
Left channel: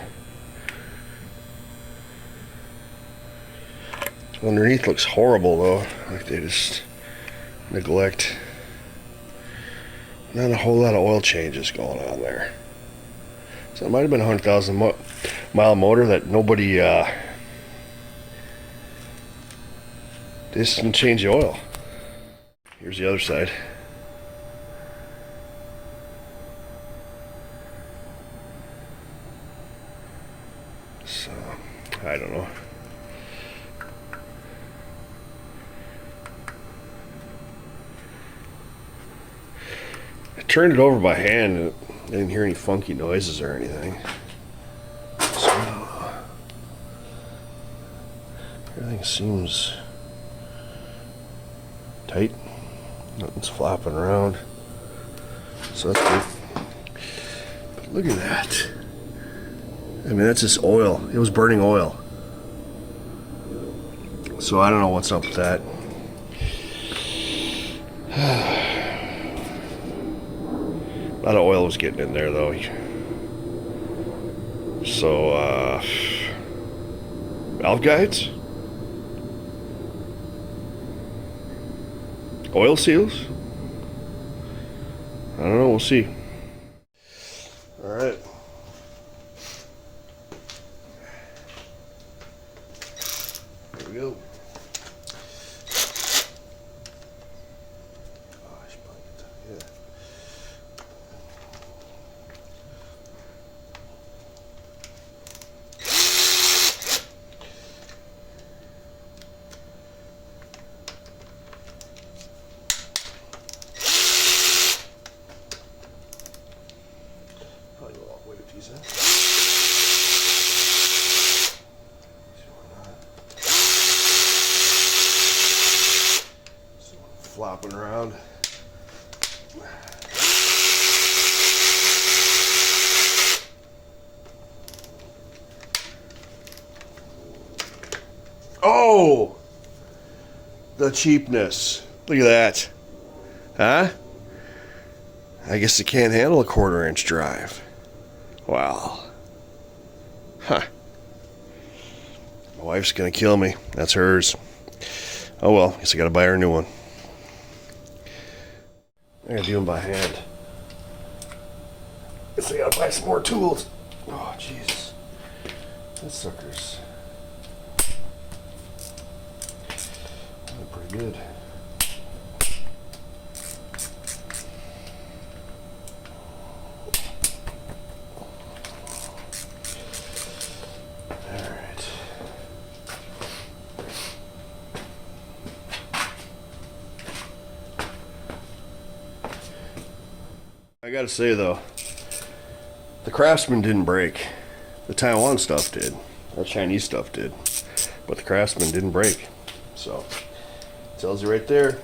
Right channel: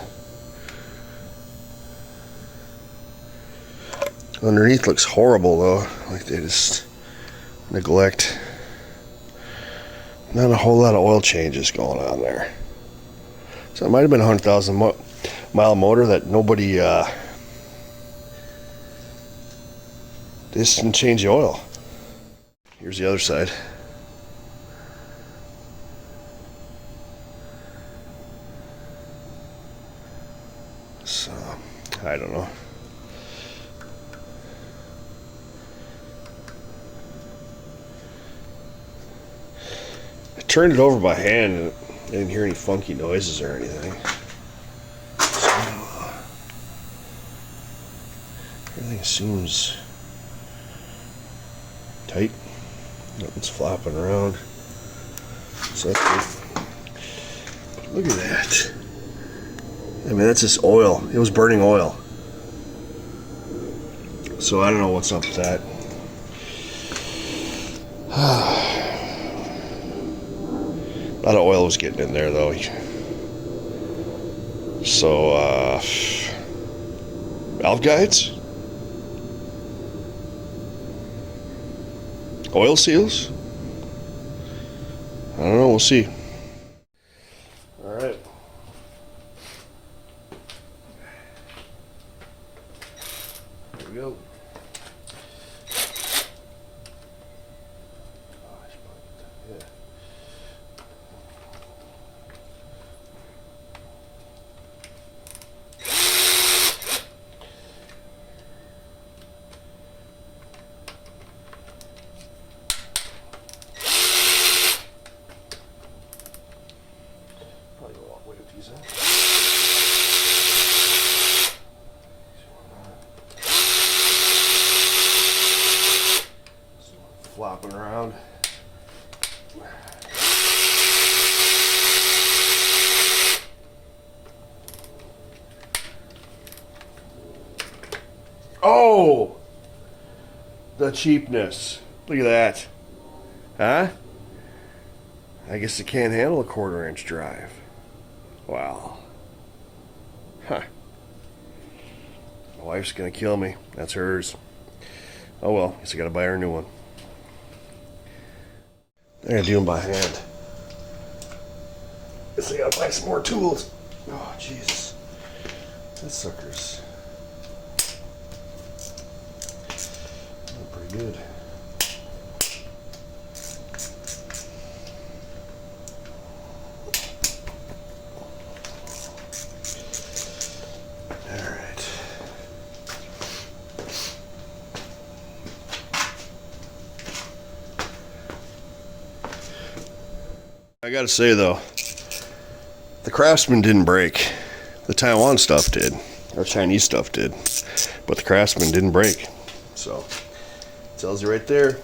Underneath looks horrible though. Like they just neglect. Not a whole lot of oil changes going on there. So it might have been a 100,000 mile motor that nobody didn't change the oil. Here's the other side. So I don't know. I turned it over by hand and I didn't hear any funky noises or anything. So everything seems tight. Nothing's flopping around. So that's good. But look at that. I mean, that's just oil. It was burning oil. So I don't know what's up with that. A lot of oil was getting in there though. So, valve guides? Oil seals? I don't know, we'll see. All right. Here we go. Yeah. flopping around. Oh! The cheapness. Look at that. Huh? I guess it can't handle a 1/4 inch drive. Wow. Huh. My wife's gonna kill me. That's hers. Oh well, guess I gotta buy her a new one. I gotta do them by hand. Guess I gotta buy some more tools. Oh, Jesus. That sucker's pretty good. Alright. I gotta say though, the Craftsman didn't break. The Taiwan stuff did, or Chinese stuff did, but the Craftsman didn't break. So, it tells you right there,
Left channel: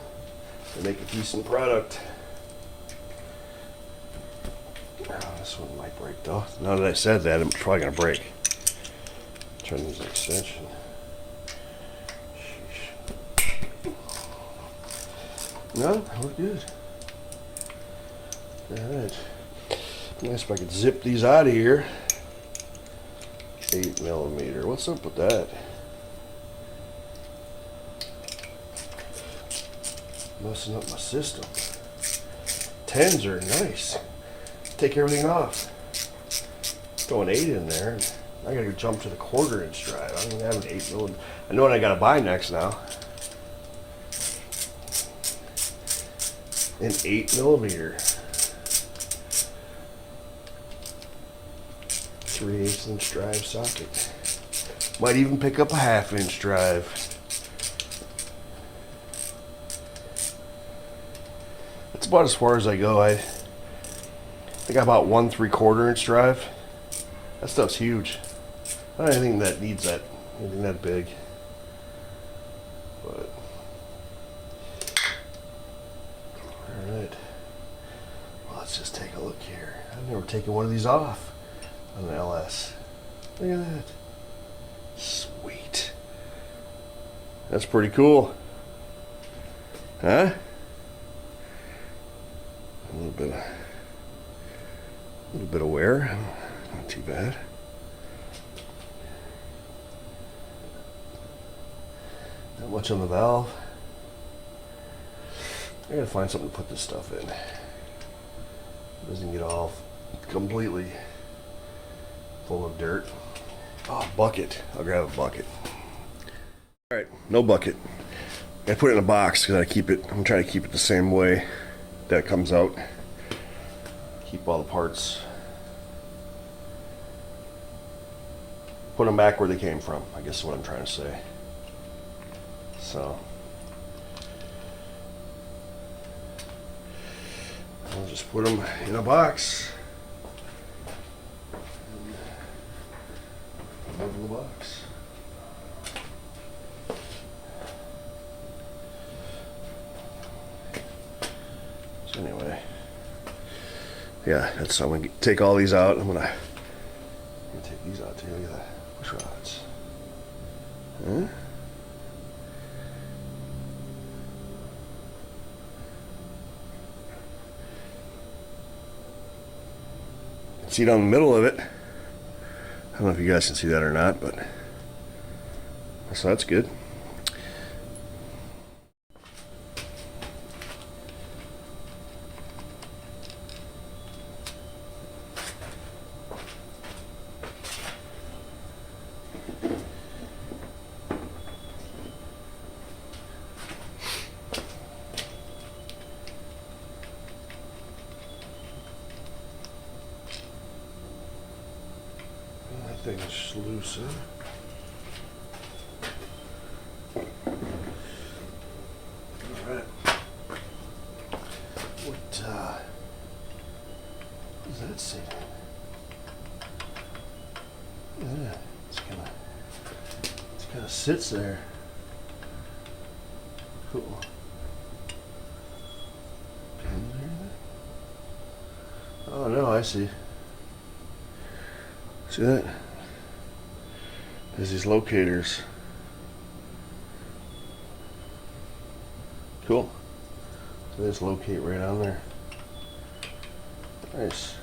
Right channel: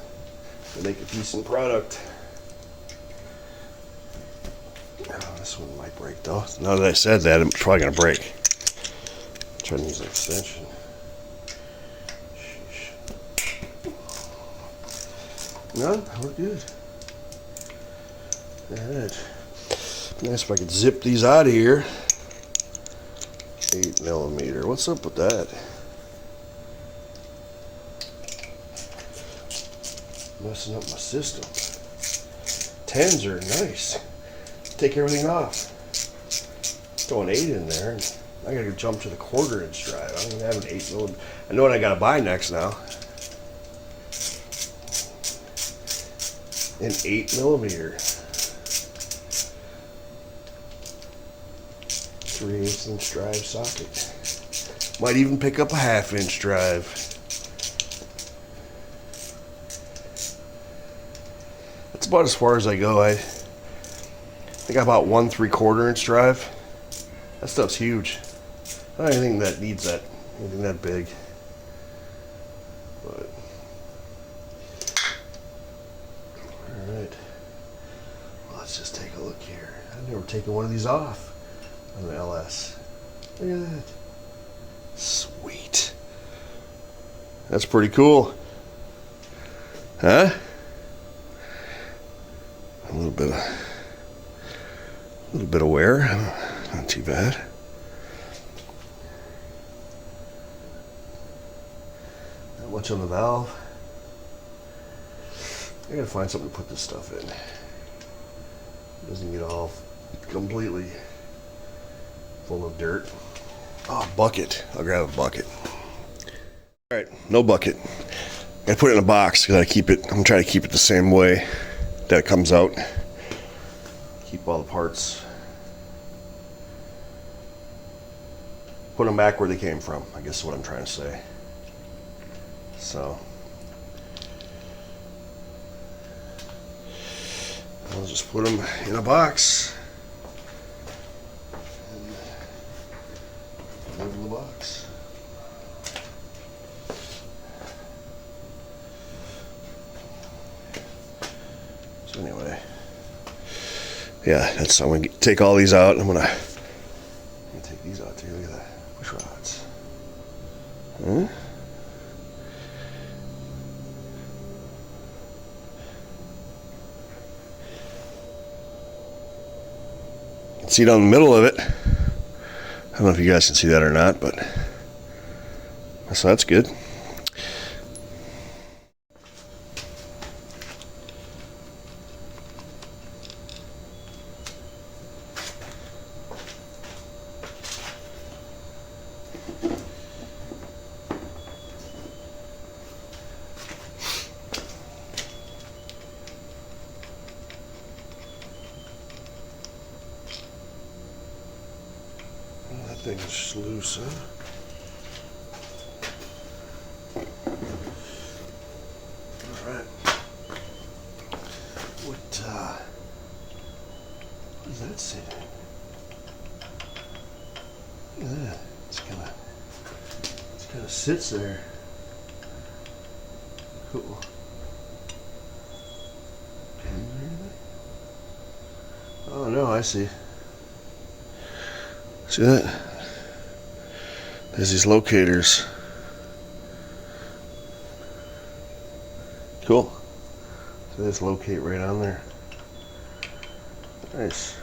they make a decent product. Oh, this one might break though. Now that I said that, it's probably gonna break. Try to use an extension. No, we're good. Alright. Nice if I could zip these out of here. 8mm. What's up with that? Messing up my system. 10s are nice. Take everything off. Throw an 8 in there. And I gotta jump to the 1/4 inch drive. I don't even have an 8mm. I know what I gotta buy next now. An 8mm. 3/8 inch drive socket. Might even pick up a 1/2 inch drive. That's about as far as I go. I think I bought 1 3/4 inch drive. That stuff's huge. I don't think that needs that anything that big. But alright. Well, let's just take a look here. I've never taken one of these off on an LS. Look at that. Sweet. That's pretty cool. Huh? A little bit of wear. Not too bad. Not much on the valve. I gotta find something to put this stuff in. It doesn't get all completely full of dirt. Oh, bucket. I'll grab a bucket. Alright, no bucket. I put it in a box because I'm gonna try to keep it the same way that it comes out. Keep all the parts. Put them back where they came from, I guess is what I'm trying to say. So, I'll just put them in a box. And move in the box. So anyway, yeah, I'm gonna take all these out. I'm gonna take these out too. Look at that. Push rods. Huh? See down the middle of it. I don't know if you guys can see that or not, but so that's good. That thing's loose, huh? Alright. What does that say? Yeah, it's kinda sits there. Cool. I see. See that? There's these locators. Cool. So let's locate right on there. Nice.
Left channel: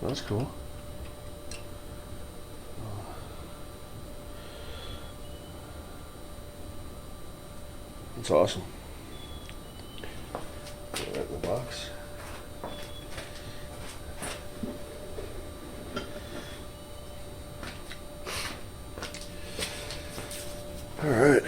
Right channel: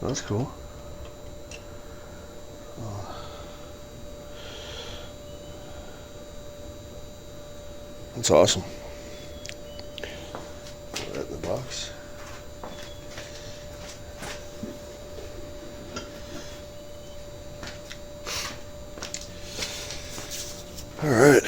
Well, that's cool. That's awesome. Put that in the box. All right.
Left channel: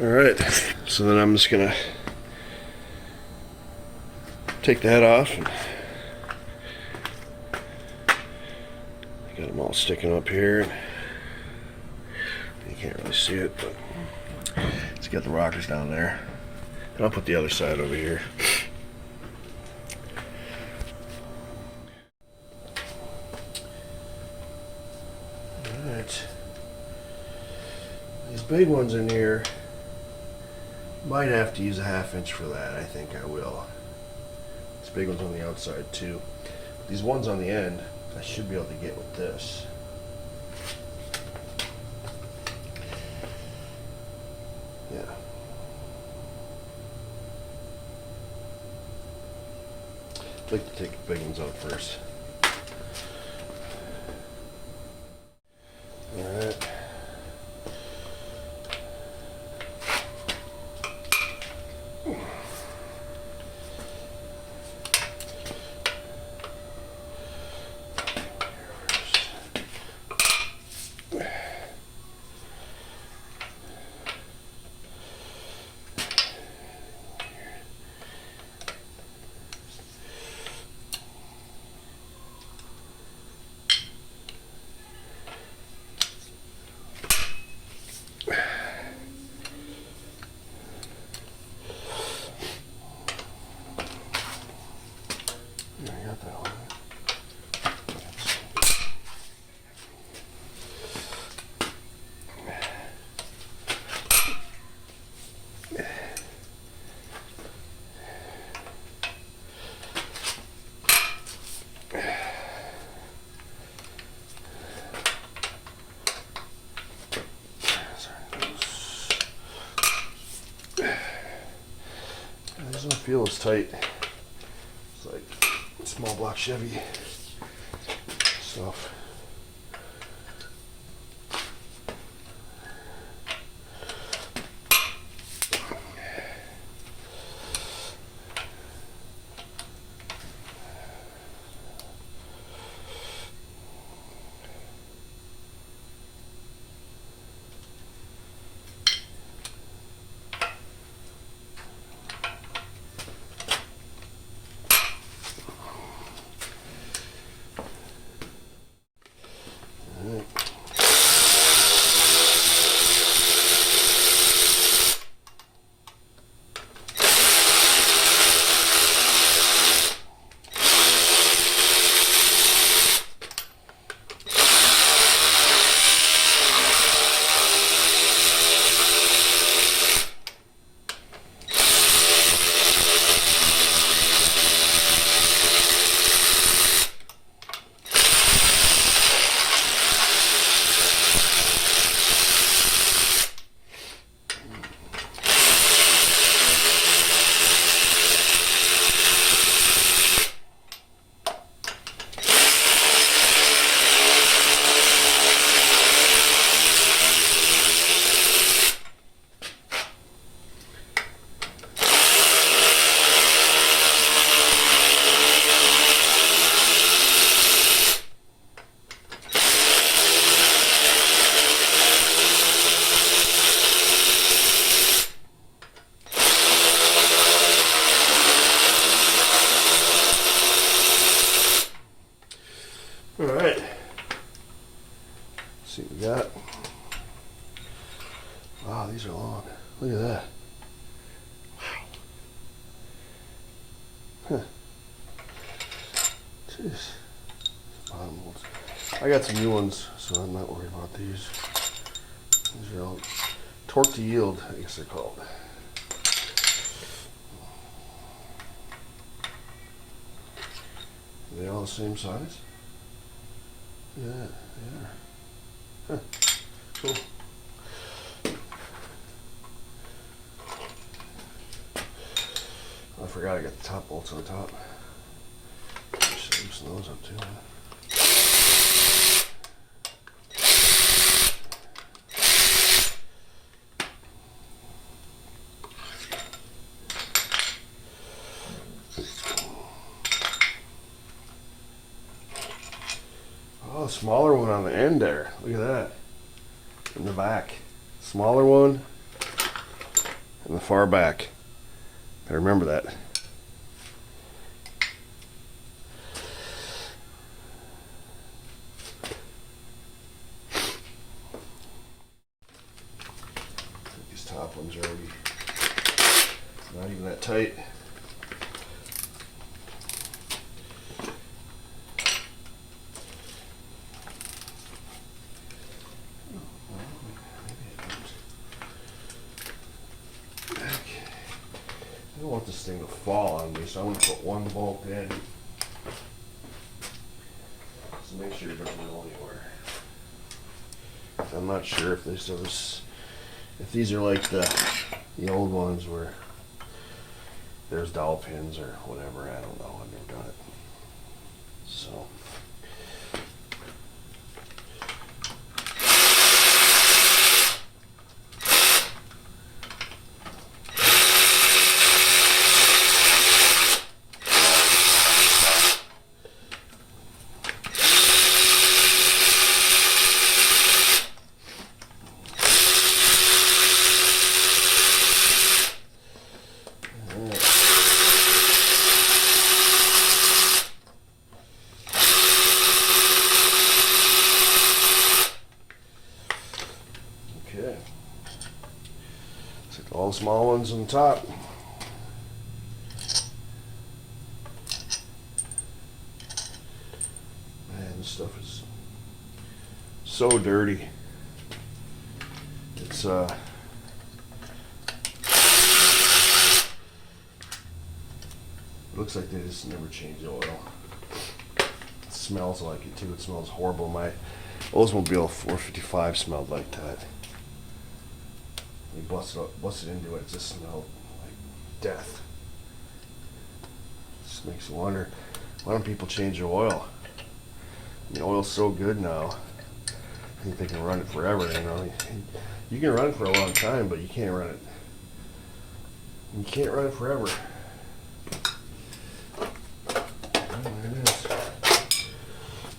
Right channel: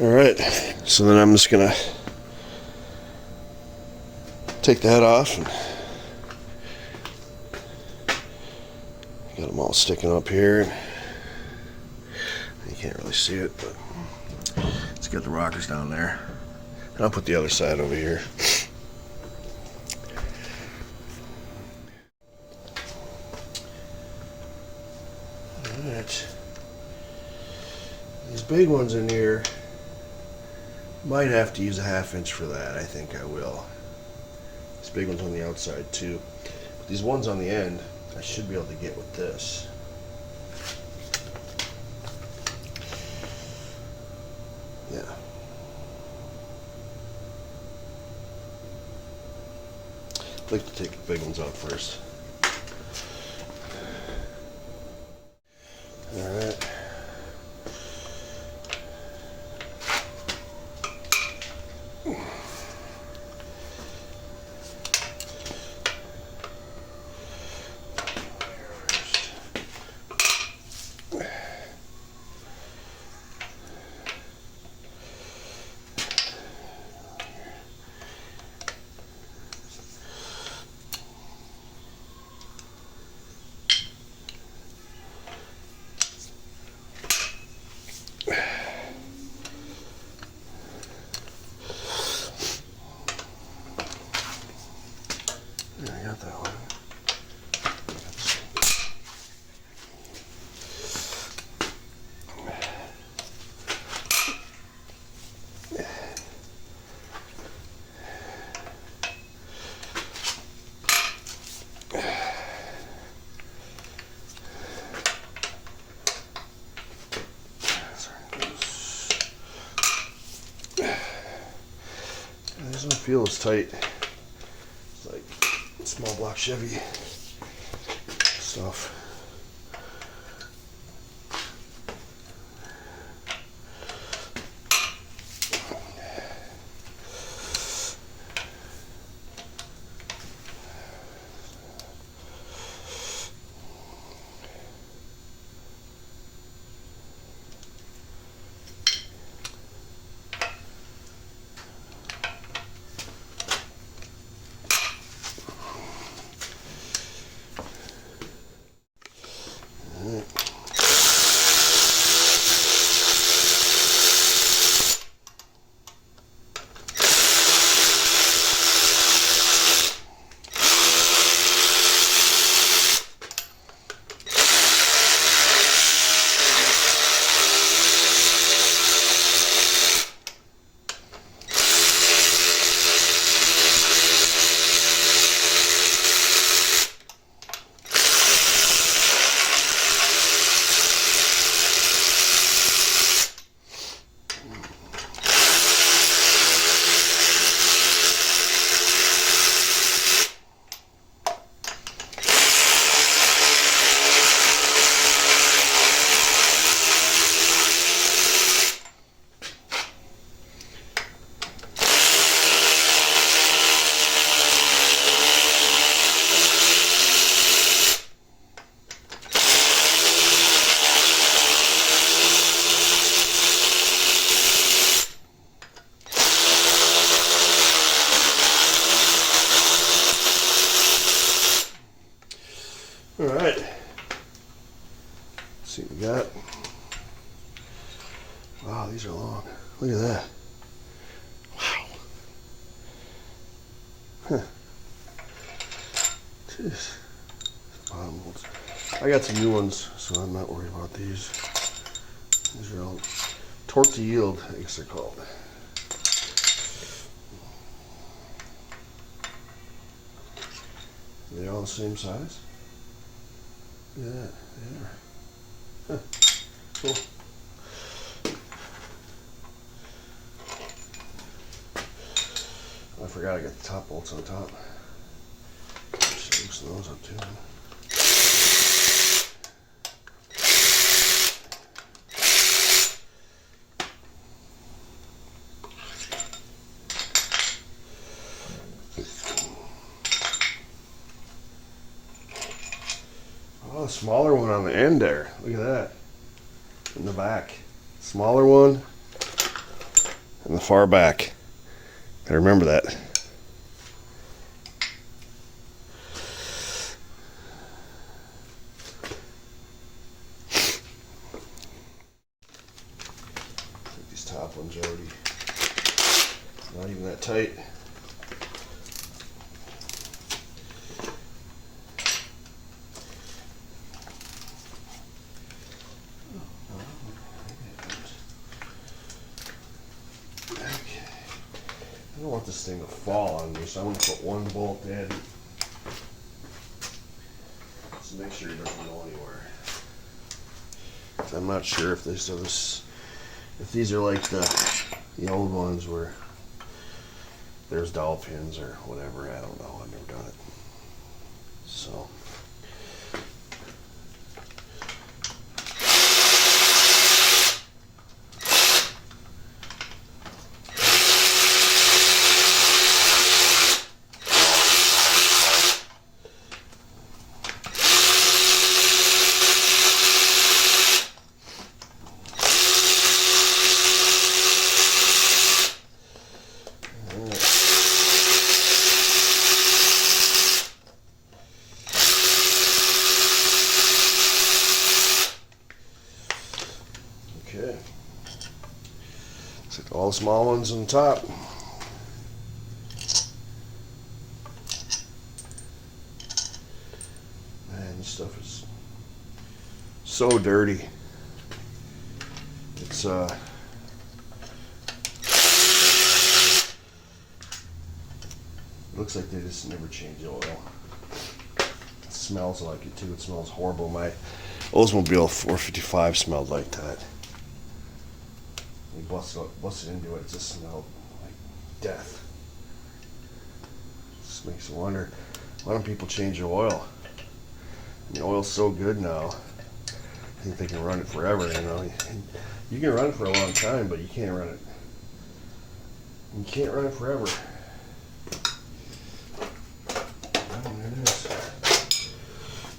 All right, so then I'm just gonna take the head off. And got them all sticking up here. You can't really see it, but it's got the rockers down there. And I'll put the other side over here. All right, these big ones in here. Might have to use a 1/2 inch for that. I think I will. This big one's on the outside too. These ones on the end, I should be able to get with this. Yeah. I'd like to take the big ones out first. All right. I got that one. It doesn't feel as tight. It's like small block Chevy stuff. got. Wow, these are long. Look at that. Wow. Huh. Jeez. Bottom ones. I got some new ones, so I'm not worried about these. These are all torque to yield, I guess they're called. Are they all the same size? Yeah, they are. Huh. Cool. I forgot I got the top bolts on top. Should loosen those up too. Oh, smaller one on the end there. Look at that. In the back. Smaller one on the far back. Gotta remember that. These top ones are already not even that tight. I don't want this thing to fall on me, so I'm going to put one bolt in. So make sure it doesn't go anywhere. I'm not sure if these are like the old ones where there's dowel pins or whatever. I don't know. I've never done it. So. Okay. Take all the small ones on the top. Man, this stuff is so dirty. It's it looks like they just never change the oil. It smells like it too. It smells horrible. My Oldsmobile 455 smelled like that. You busted into it, it just smelled like death. Just makes you wonder, why don't people change the oil? The oil's so good now. I think they can run it forever, you know. You can run it for a long time, but you can't run it. You can't run it forever. There it is.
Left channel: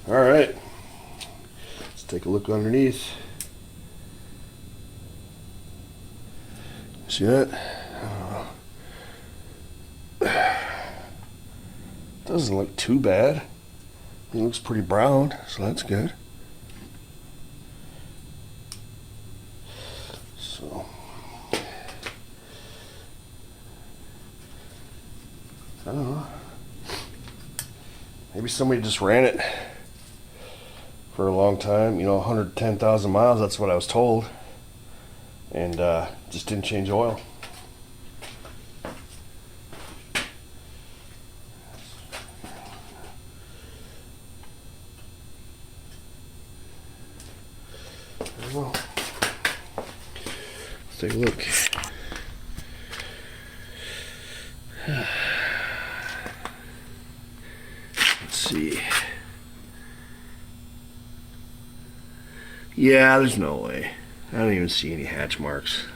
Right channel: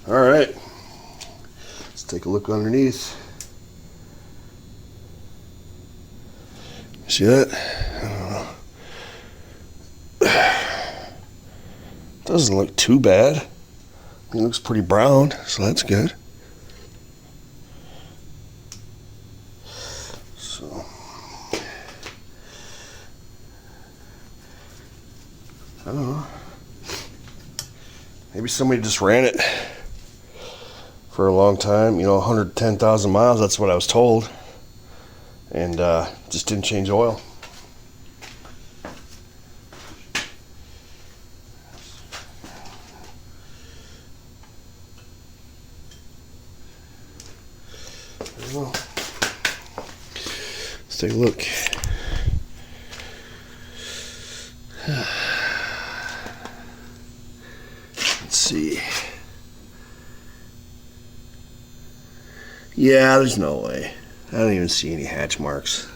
All right. Let's take a look underneath. See that? Doesn't look too bad. It looks pretty brown, so that's good. So, I don't know. Maybe somebody just ran it for a long time, 110,000 miles, that's what I was told. And just didn't change oil. Well, let's take a look. Let's see. Yeah, there's no way. I don't even see any hatch marks.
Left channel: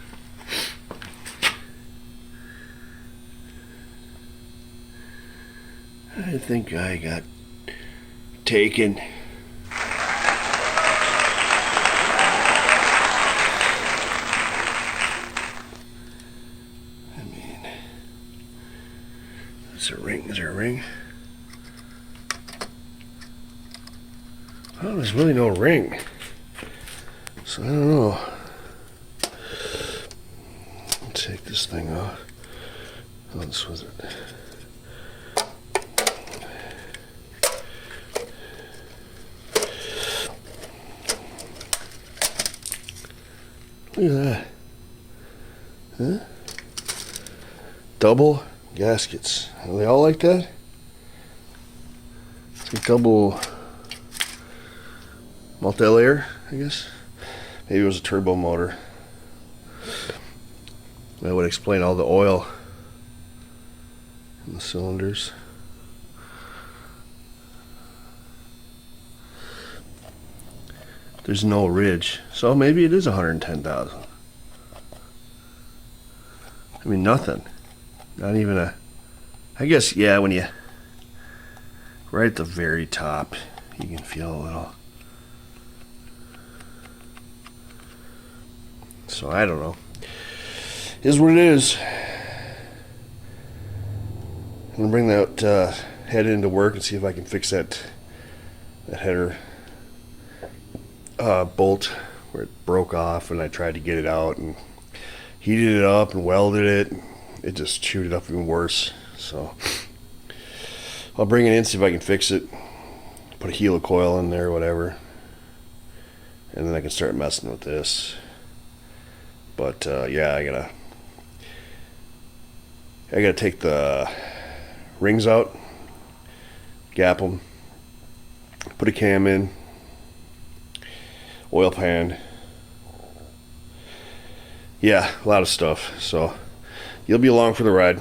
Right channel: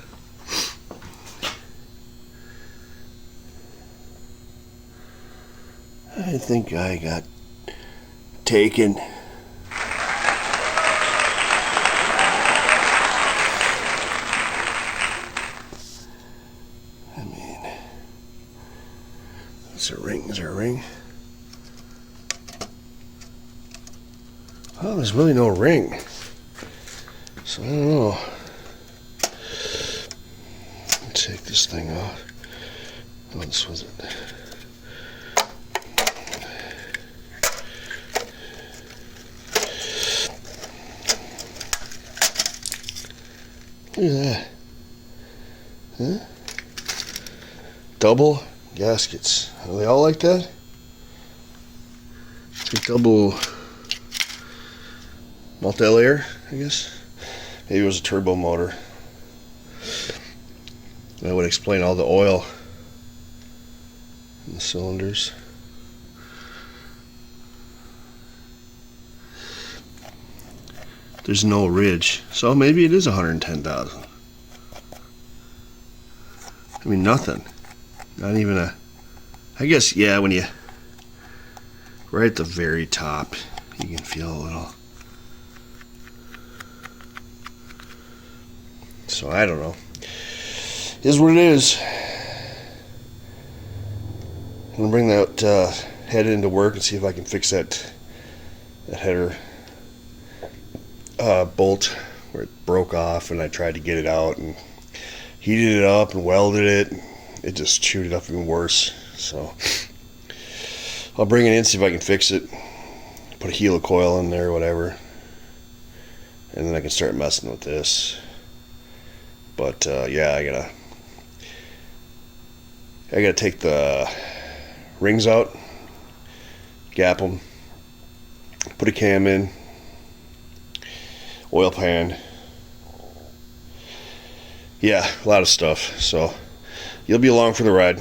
I think I got taken. I mean, that's a ring. Is there a ring? Oh, there's really no ring. So I don't know. Take this thing off. Oh, this was it. Look at that. Huh? Double gaskets. Are they all like that? Double multi-layer, I guess. Maybe it was a turbo motor. That would explain all the oil in the cylinders. There's no ridge, so maybe it is 110,000. I mean, nothing. Not even a. I guess, yeah, when you. Right at the very top, you can feel a little. So I don't know. Is what it is. I'm gonna bring that head into work and see if I can fix that header bolt where it broke off, and I tried to get it out and heated it up and welded it. It just chewed it up even worse. So I'll bring it in, see if I can fix it, put a helicoil in there or whatever, and then I can start messing with this. But yeah, I gotta take the rings out, gap them, put a cam in, oil pan. Yeah, a lot of stuff. So you'll be along for the ride.